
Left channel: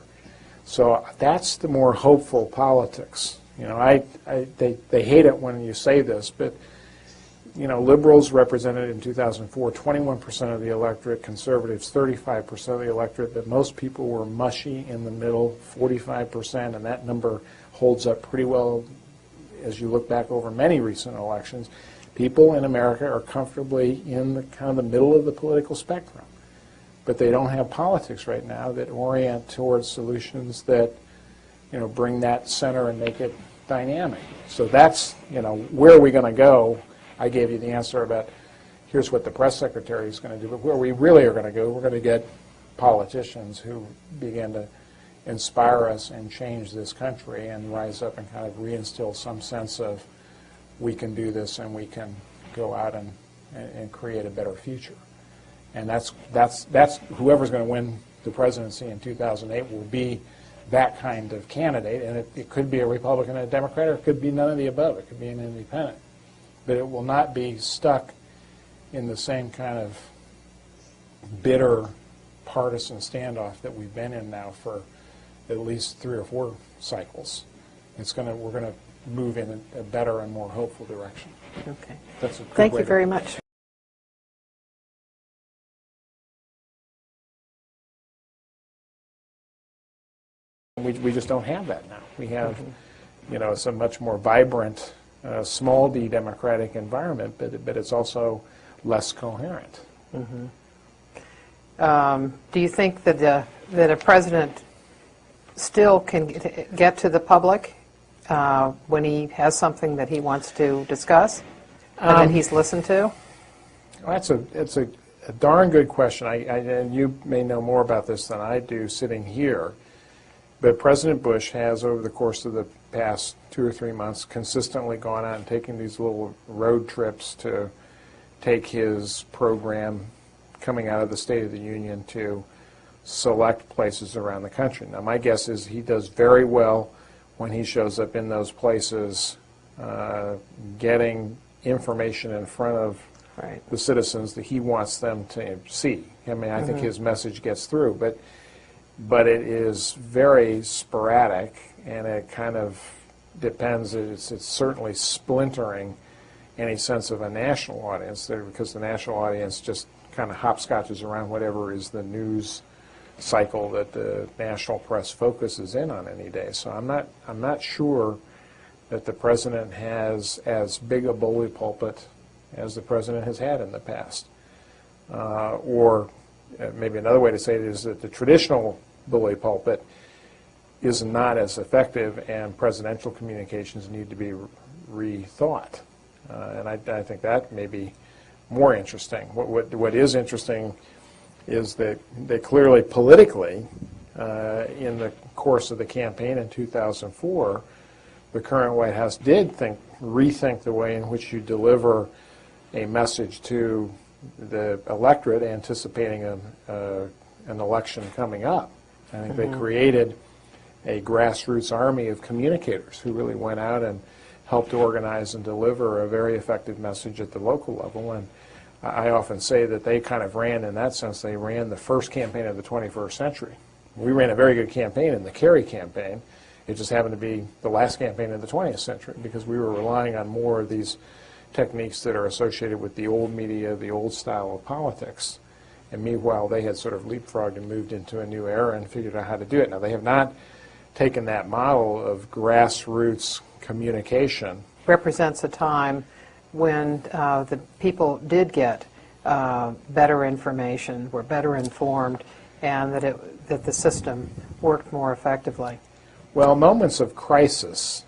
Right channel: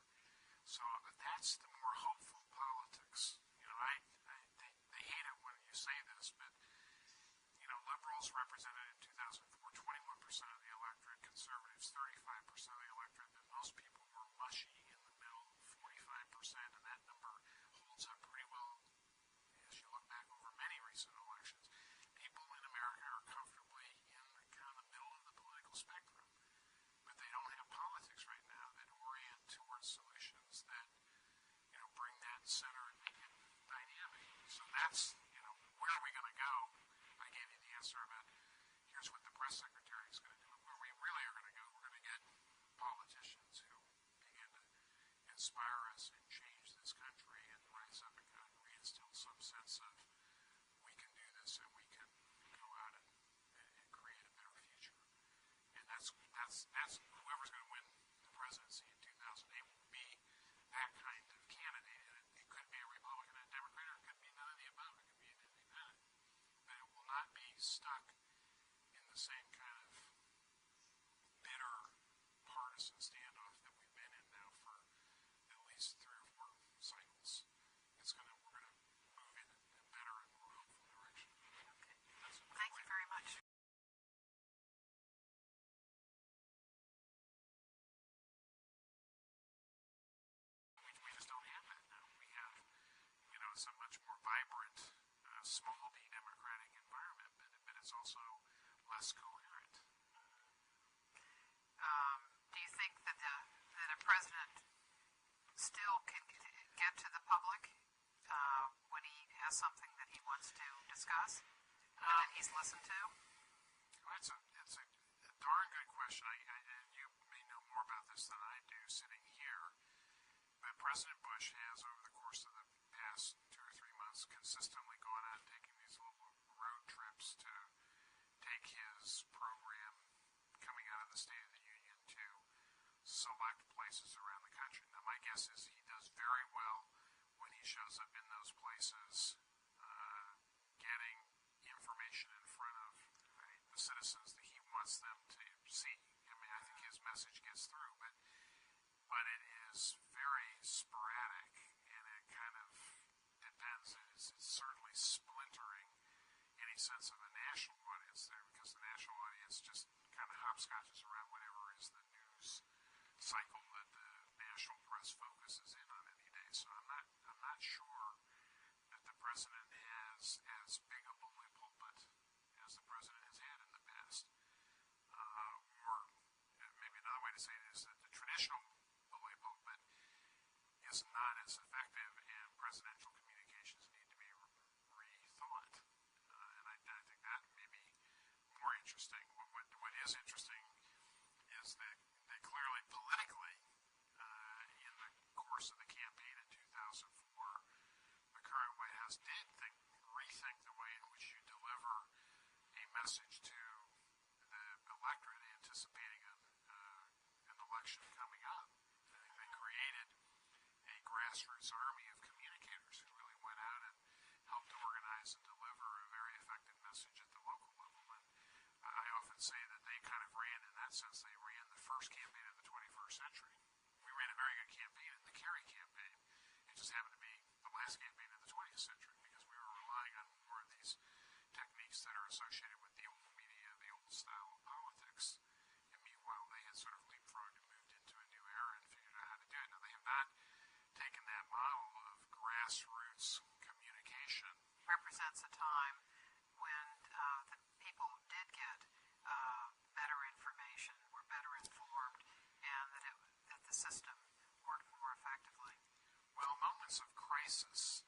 So that's the more hopeful politics. They hate it when you say this, but liberals represented in 2004 21% of the electorate, conservatives 35% of the electorate, but most people were mushy in the middle, 45%, and that number holds up pretty well as you look back over many recent elections. People in America are comfortably in the kind of the middle of the political spectrum, but they don't have politics right now that orient towards solutions that bring that center and make it dynamic. So that's where are we going to go? I gave you the answer about here's what the press secretary is going to do, but where we really are going to go, we're going to get politicians who begin to inspire us and change this country and rise up and kind of reinstill some sense of we can do this and we can go out and create a better future. And that's whoever's going to win the presidency in 2008 will be that kind of candidate, and it could be a Republican and a Democrat, or it could be none of the above. It could be an independent. But it will not be stuck in the same kind of bitter partisan standoff that we've been in now for at least 3 or 4 cycles. We're going to move in a better and more hopeful direction. Okay. That's a good Thank way you to very much. We just don't have that now. We have, you know, it's a much more vibrant, small d democratic environment, but it's also less coherent. Do you think that that a president still can get to the public when he has something that he wants to discuss and that he's listened to? Well, it's a darn good question. And you may know more about this than I do sitting here. But President Bush has, over the course of the past 2 or 3 months, consistently gone out and taken these little road trips to take his program coming out of the State of the Union to select places around the country. Now, my guess is he does very well when he shows up in those places, getting information in front of the citizens that he wants them to see. I mean, I think his message gets through, but it is very sporadic, and it kind of depends. It's certainly splintering any sense of a national audience there, because the national audience just kind of hopscotches around whatever is the news cycle that the national press focuses in on any day. So I'm not sure that the president has as big a bully pulpit as the president has had in the past. Or maybe another way to say it is that the traditional bully pulpit is not as effective, and presidential communications need to be rethought. And I think that may be more interesting. What is interesting is that clearly politically, in the course of the campaign in 2004, the current White House did rethink the way in which you deliver a message to the electorate anticipating an election coming up. I think they created a grassroots army of communicators who really went out and helped organize and deliver a very effective message at the local level. And I often say that they kind of ran, in that sense, they ran the first campaign of the 21st century. We ran a very good campaign in the McCurry campaign. It just happened to be the last campaign of the 20th century, because we were relying on more of these techniques that are associated with the old media, the old style of politics. And meanwhile, they had sort of leapfrogged and moved into a new era and figured out how to do it. Now, they have not taken that model of grassroots communication. Represents a time when the people did get better information, were better informed, and that the system worked more effectively. Well, moments of crisis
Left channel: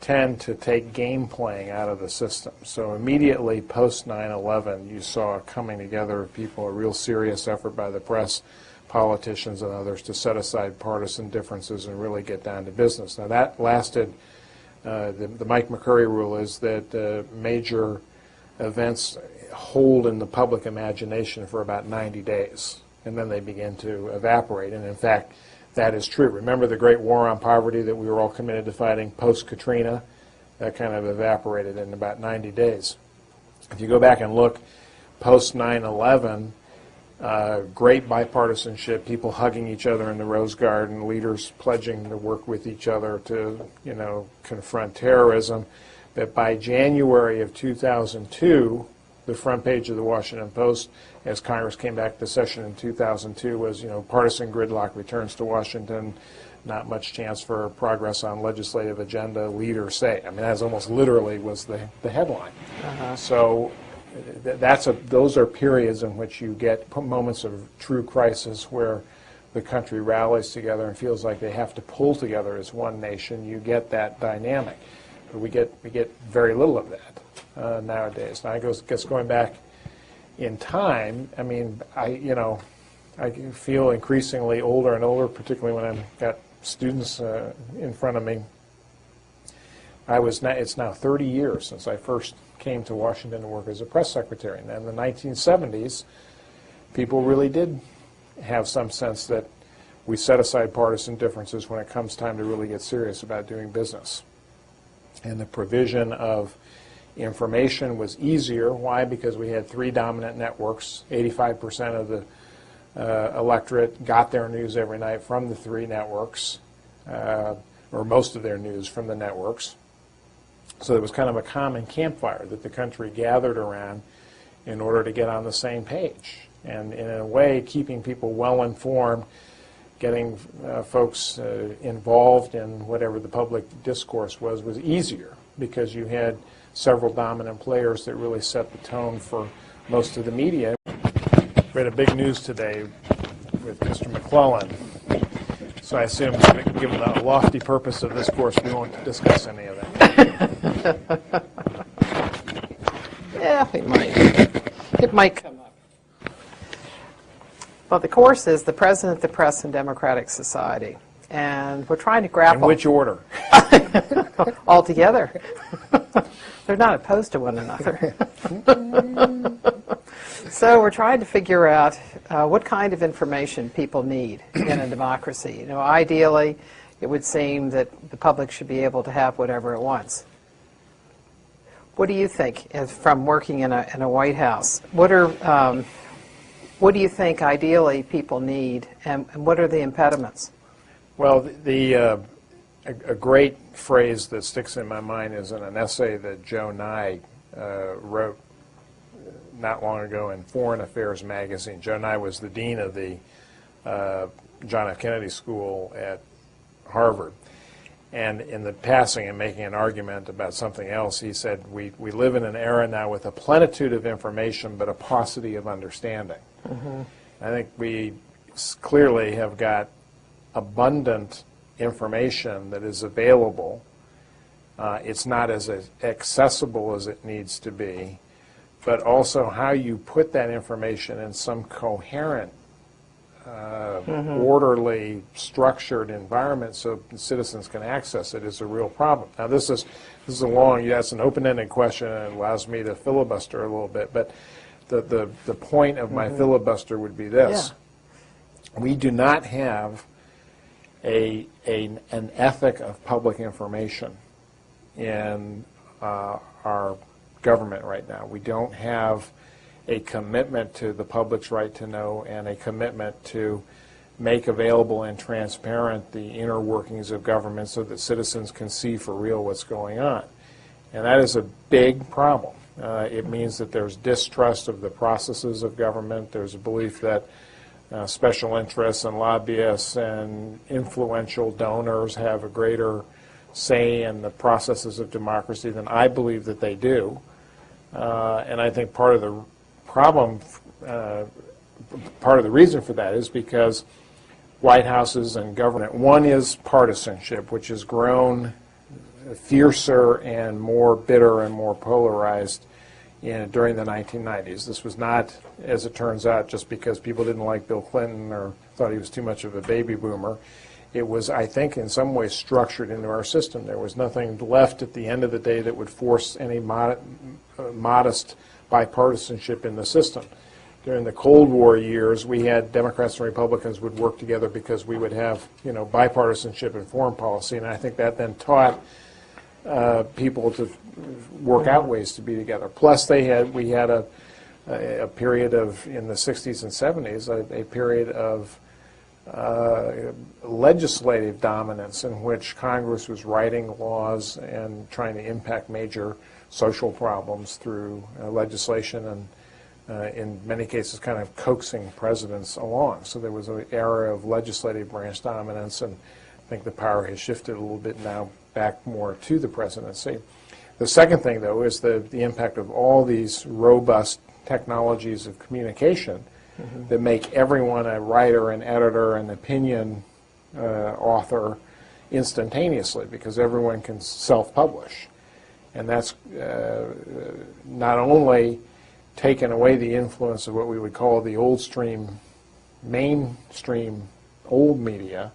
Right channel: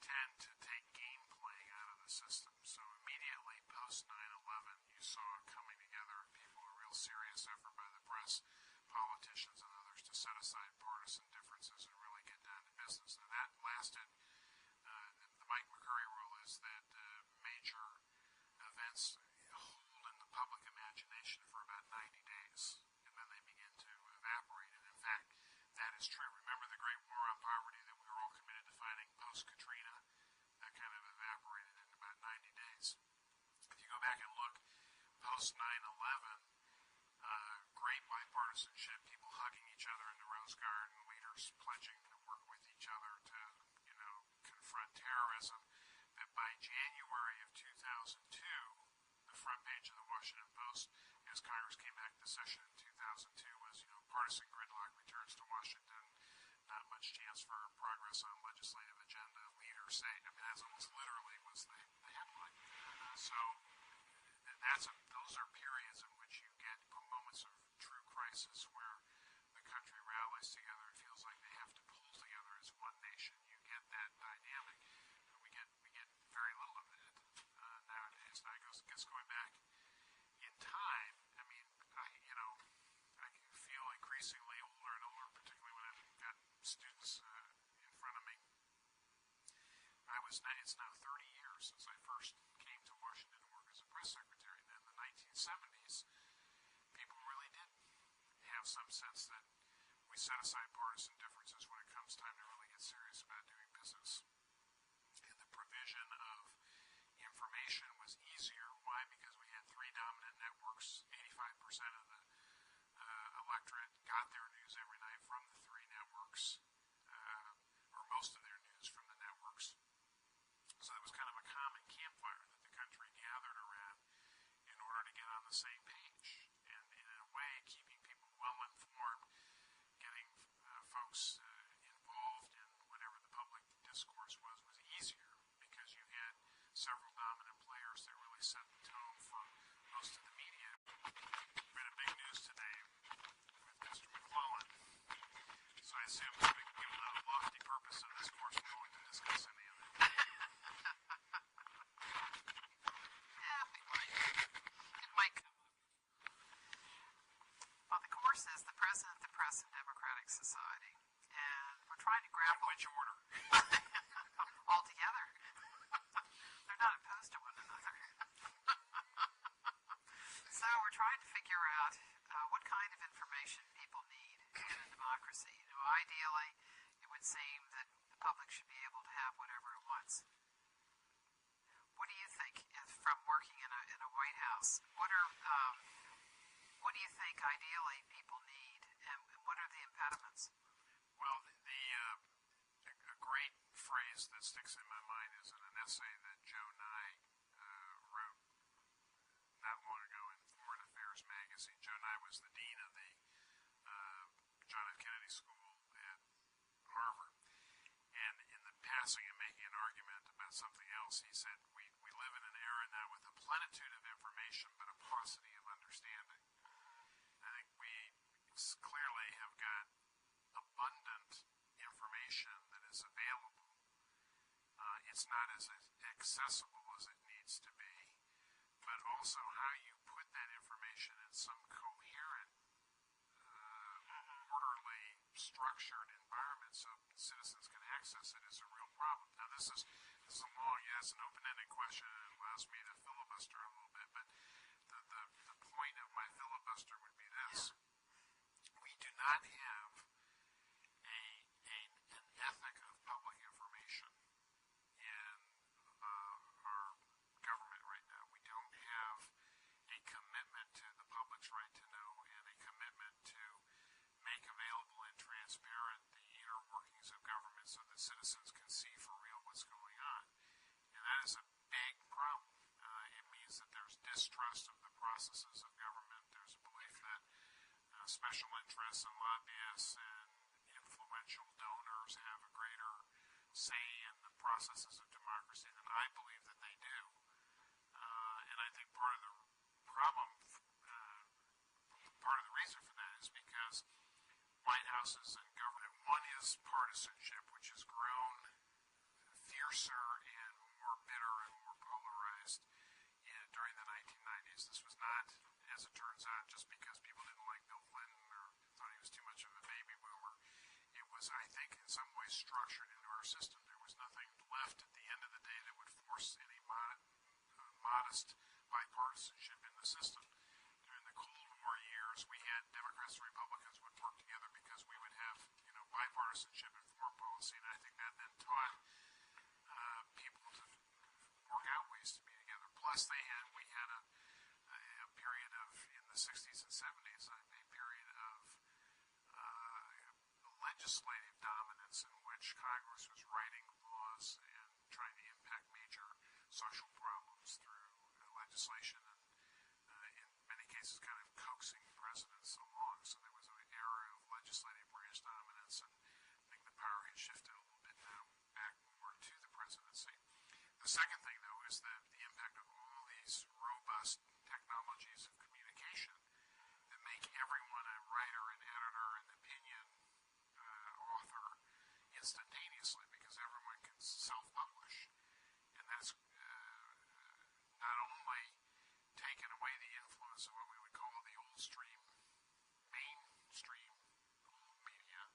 tend to take game playing out of the system. So immediately post 9/11, you saw a coming together of people, a real serious effort by the press, politicians, and others to set aside partisan differences and really get down to business. Now that lasted, the Mike McCurry rule is that major events hold in the public imagination for about 90 days, and then they begin to evaporate. And in fact, that is true. Remember the great war on poverty that we were all committed to fighting post-Katrina? That kind of evaporated in about 90 days. If you go back and look post 9/11, great bipartisanship, people hugging each other in the Rose Garden, leaders pledging to work with each other to, confront terrorism. But by January of 2002, the front page of the Washington Post, as Congress came back to session in 2002, was, partisan gridlock returns to Washington, not much chance for progress on legislative agenda, leaders say. I mean, that almost literally was the headline. So those are periods in which you get moments of true crisis where the country rallies together and feels like they have to pull together as one nation. You get that dynamic. But we get very little of that nowadays. Now, I guess going back in time, I mean, I feel increasingly older and older, particularly when I've got students in front of me. It's now 30 years since I first came to Washington to work as a press secretary. And in the 1970s, people really did have some sense that we set aside partisan differences when it comes time to really get serious about doing business. And the provision of information was easier. Why? Because we had 3 dominant networks. 85% of the electorate got their news every night from the 3 networks, or most of their news from the networks. So it was kind of a common campfire that the country gathered around in order to get on the same page. And in a way, keeping people well informed getting folks involved in whatever the public discourse was easier because you had several dominant players that really set the tone for most of the media. We had a big news today with Mr. McClellan. So I assume, given the lofty purpose of this course, we won't discuss any of that. Yeah, it might. It might come up. Well, the course is the President, the Press, and Democratic Society. And we're trying to grapple. In which order? All together. They're not opposed to one another. So we're trying to figure out what kind of information people need in a democracy. Ideally, it would seem that the public should be able to have whatever it wants. What do you think, from working in a White House? What do you think ideally people need, and what are the impediments? Well, a great phrase that sticks in my mind is in an essay that Joe Nye wrote not long ago in Foreign Affairs magazine. Joe Nye was the dean of the John F. Kennedy School at Harvard. And in the passing and making an argument about something else, he said, we live in an era now with a plenitude of information but a paucity of understanding. Mm-hmm. I think we clearly have got abundant information that is available. It's not as accessible as it needs to be, but also how you put that information in some coherent, orderly, structured environment so citizens can access it is a real problem. Now, this is a long, that's an open-ended question, and it allows me to filibuster a little bit, but the point of my filibuster would be this. Yeah. We do not have an ethic of public information in our government right now. We don't have a commitment to the public's right to know and a commitment to make available and transparent the inner workings of government so that citizens can see for real what's going on. And that is a big problem. It means that there's distrust of the processes of government. There's a belief that special interests and lobbyists and influential donors have a greater say in the processes of democracy than I believe that they do. And I think part of the problem, part of the reason for that is because White Houses and government, one is partisanship, which has grown fiercer and more bitter and more polarized during the 1990s. This was not, as it turns out, just because people didn't like Bill Clinton or thought he was too much of a baby boomer. It was, I think, in some ways structured into our system. There was nothing left at the end of the day that would force any modest bipartisanship in the system. During the Cold War years, we had Democrats and Republicans would work together because we would have, bipartisanship in foreign policy, and I think that then taught people to work out ways to be together. Plus, we had a period of, in the 60s and 70s, a period of legislative dominance in which Congress was writing laws and trying to impact major social problems through legislation and, in many cases, kind of coaxing presidents along. So there was an era of legislative branch dominance, and I think the power has shifted a little bit now back more to the presidency. The second thing, though, is the impact of all these robust technologies of communication that make everyone a writer, an editor, an opinion author instantaneously, because everyone can self-publish. And that's not only taken away the influence of what we would call the mainstream old media,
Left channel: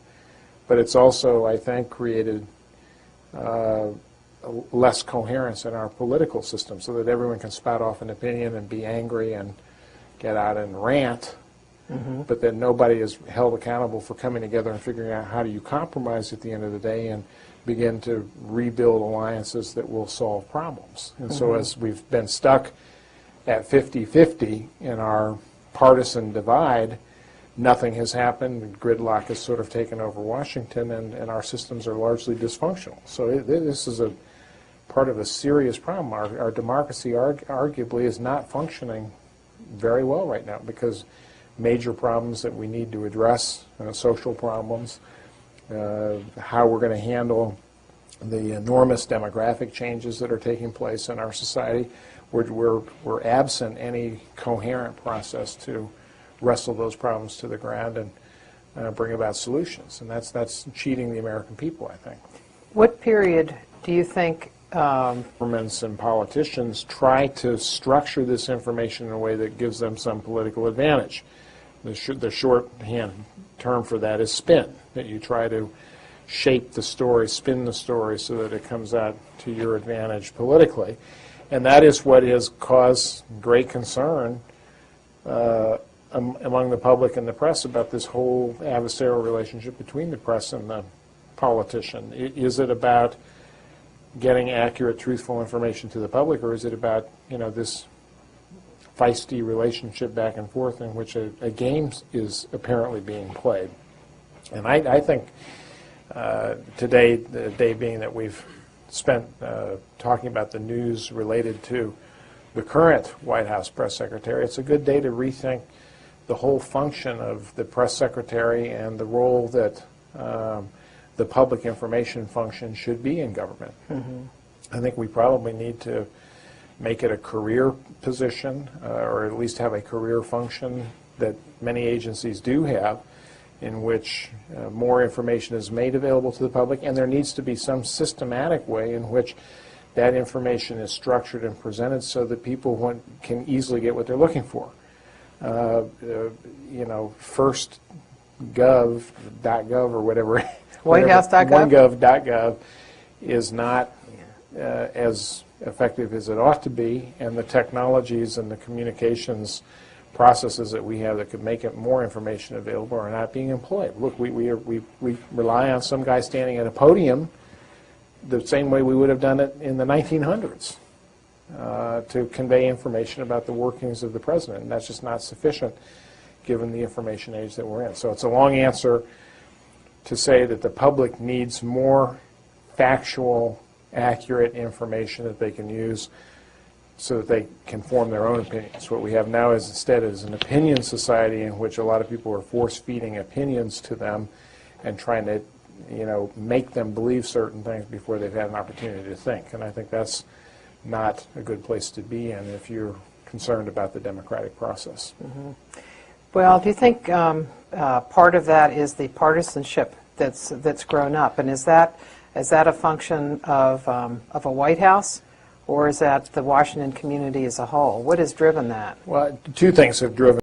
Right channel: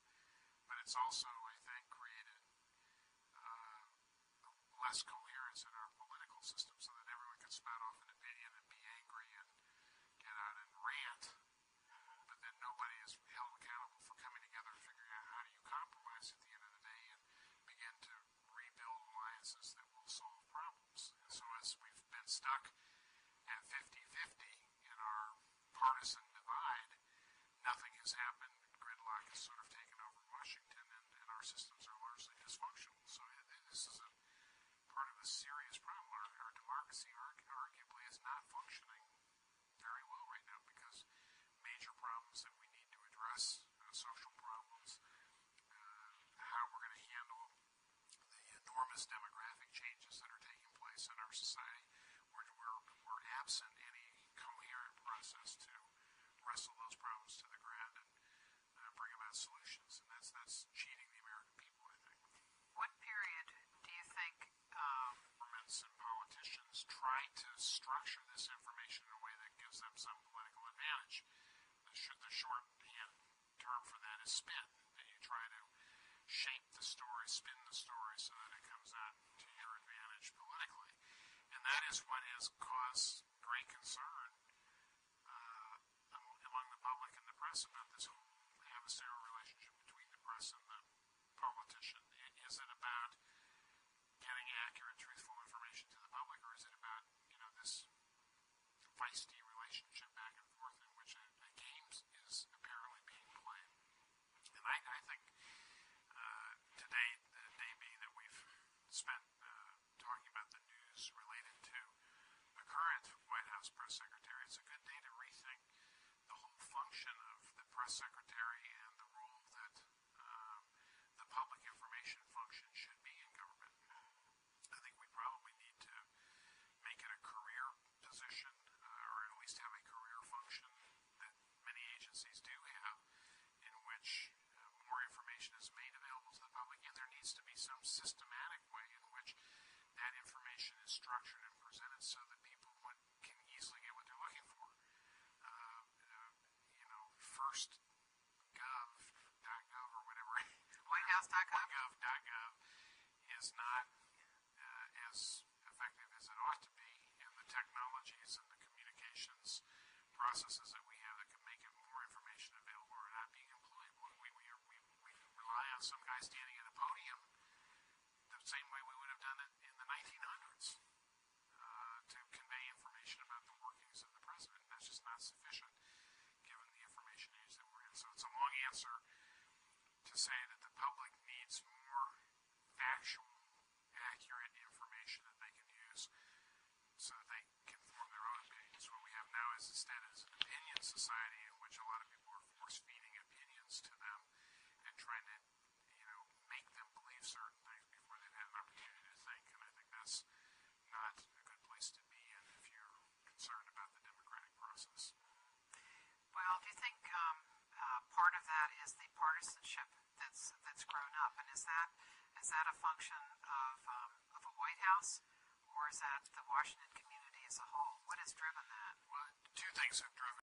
but it's also, I think, created less coherence in our political system so that everyone can spout off an opinion and be angry and get out and rant, but then nobody is held accountable for coming together and figuring out how do you compromise at the end of the day and begin to rebuild alliances that will solve problems. And so as we've been stuck at 50-50 in our partisan divide, nothing has happened. Gridlock has sort of taken over Washington, and our systems are largely dysfunctional. So this is a part of a serious problem. Our democracy arguably is not functioning very well right now because major problems that we need to address, social problems, how we're going to handle the enormous demographic changes that are taking place in our society. We're absent any coherent process to wrestle those problems to the ground and bring about solutions. And that's cheating the American people, I think. What period do you think Governments and politicians try to structure this information in a way that gives them some political advantage. The shorthand term for that is spin, that you try to shape the story, spin the story so that it comes out to your advantage politically. And that is what has caused great concern among the public and the press about this whole adversarial relationship between the press and the politician. Is it about getting accurate, truthful information to the public, or is it about, this feisty relationship back and forth in which a game is apparently being played? And I think today, the day being that we've spent talking about the news related to the current White House press secretary, it's a good day to rethink the whole function of the press secretary and the role that the public information function should be in government. I think we probably need to make it a career position, or at least have a career function that many agencies do have, in which more information is made available to the public, and there needs to be some systematic way in which that information is structured and presented so that people can easily get what they're looking for. First gov.gov or whatever. WhiteHouse.gov? OneGov.gov is not as effective as it ought to be, and the technologies and the communications processes that we have that could make it more information available are not being employed. Look, we rely on some guy standing at a podium the same way we would have done it in the 1900s to convey information about the workings of the president, and that's just not sufficient given the information age that we're in. So it's a long answer to say that the public needs more factual, accurate information that they can use so that they can form their own opinions. What we have now is instead is an opinion society in which a lot of people are force-feeding opinions to them and trying to, make them believe certain things before they've had an opportunity to think. And I think that's not a good place to be in if you're concerned about the democratic process. Well, do you think part of that is the partisanship that's grown up, and is that a function of a White House, or is that the Washington community as a whole? What has driven that? Well, two things have driven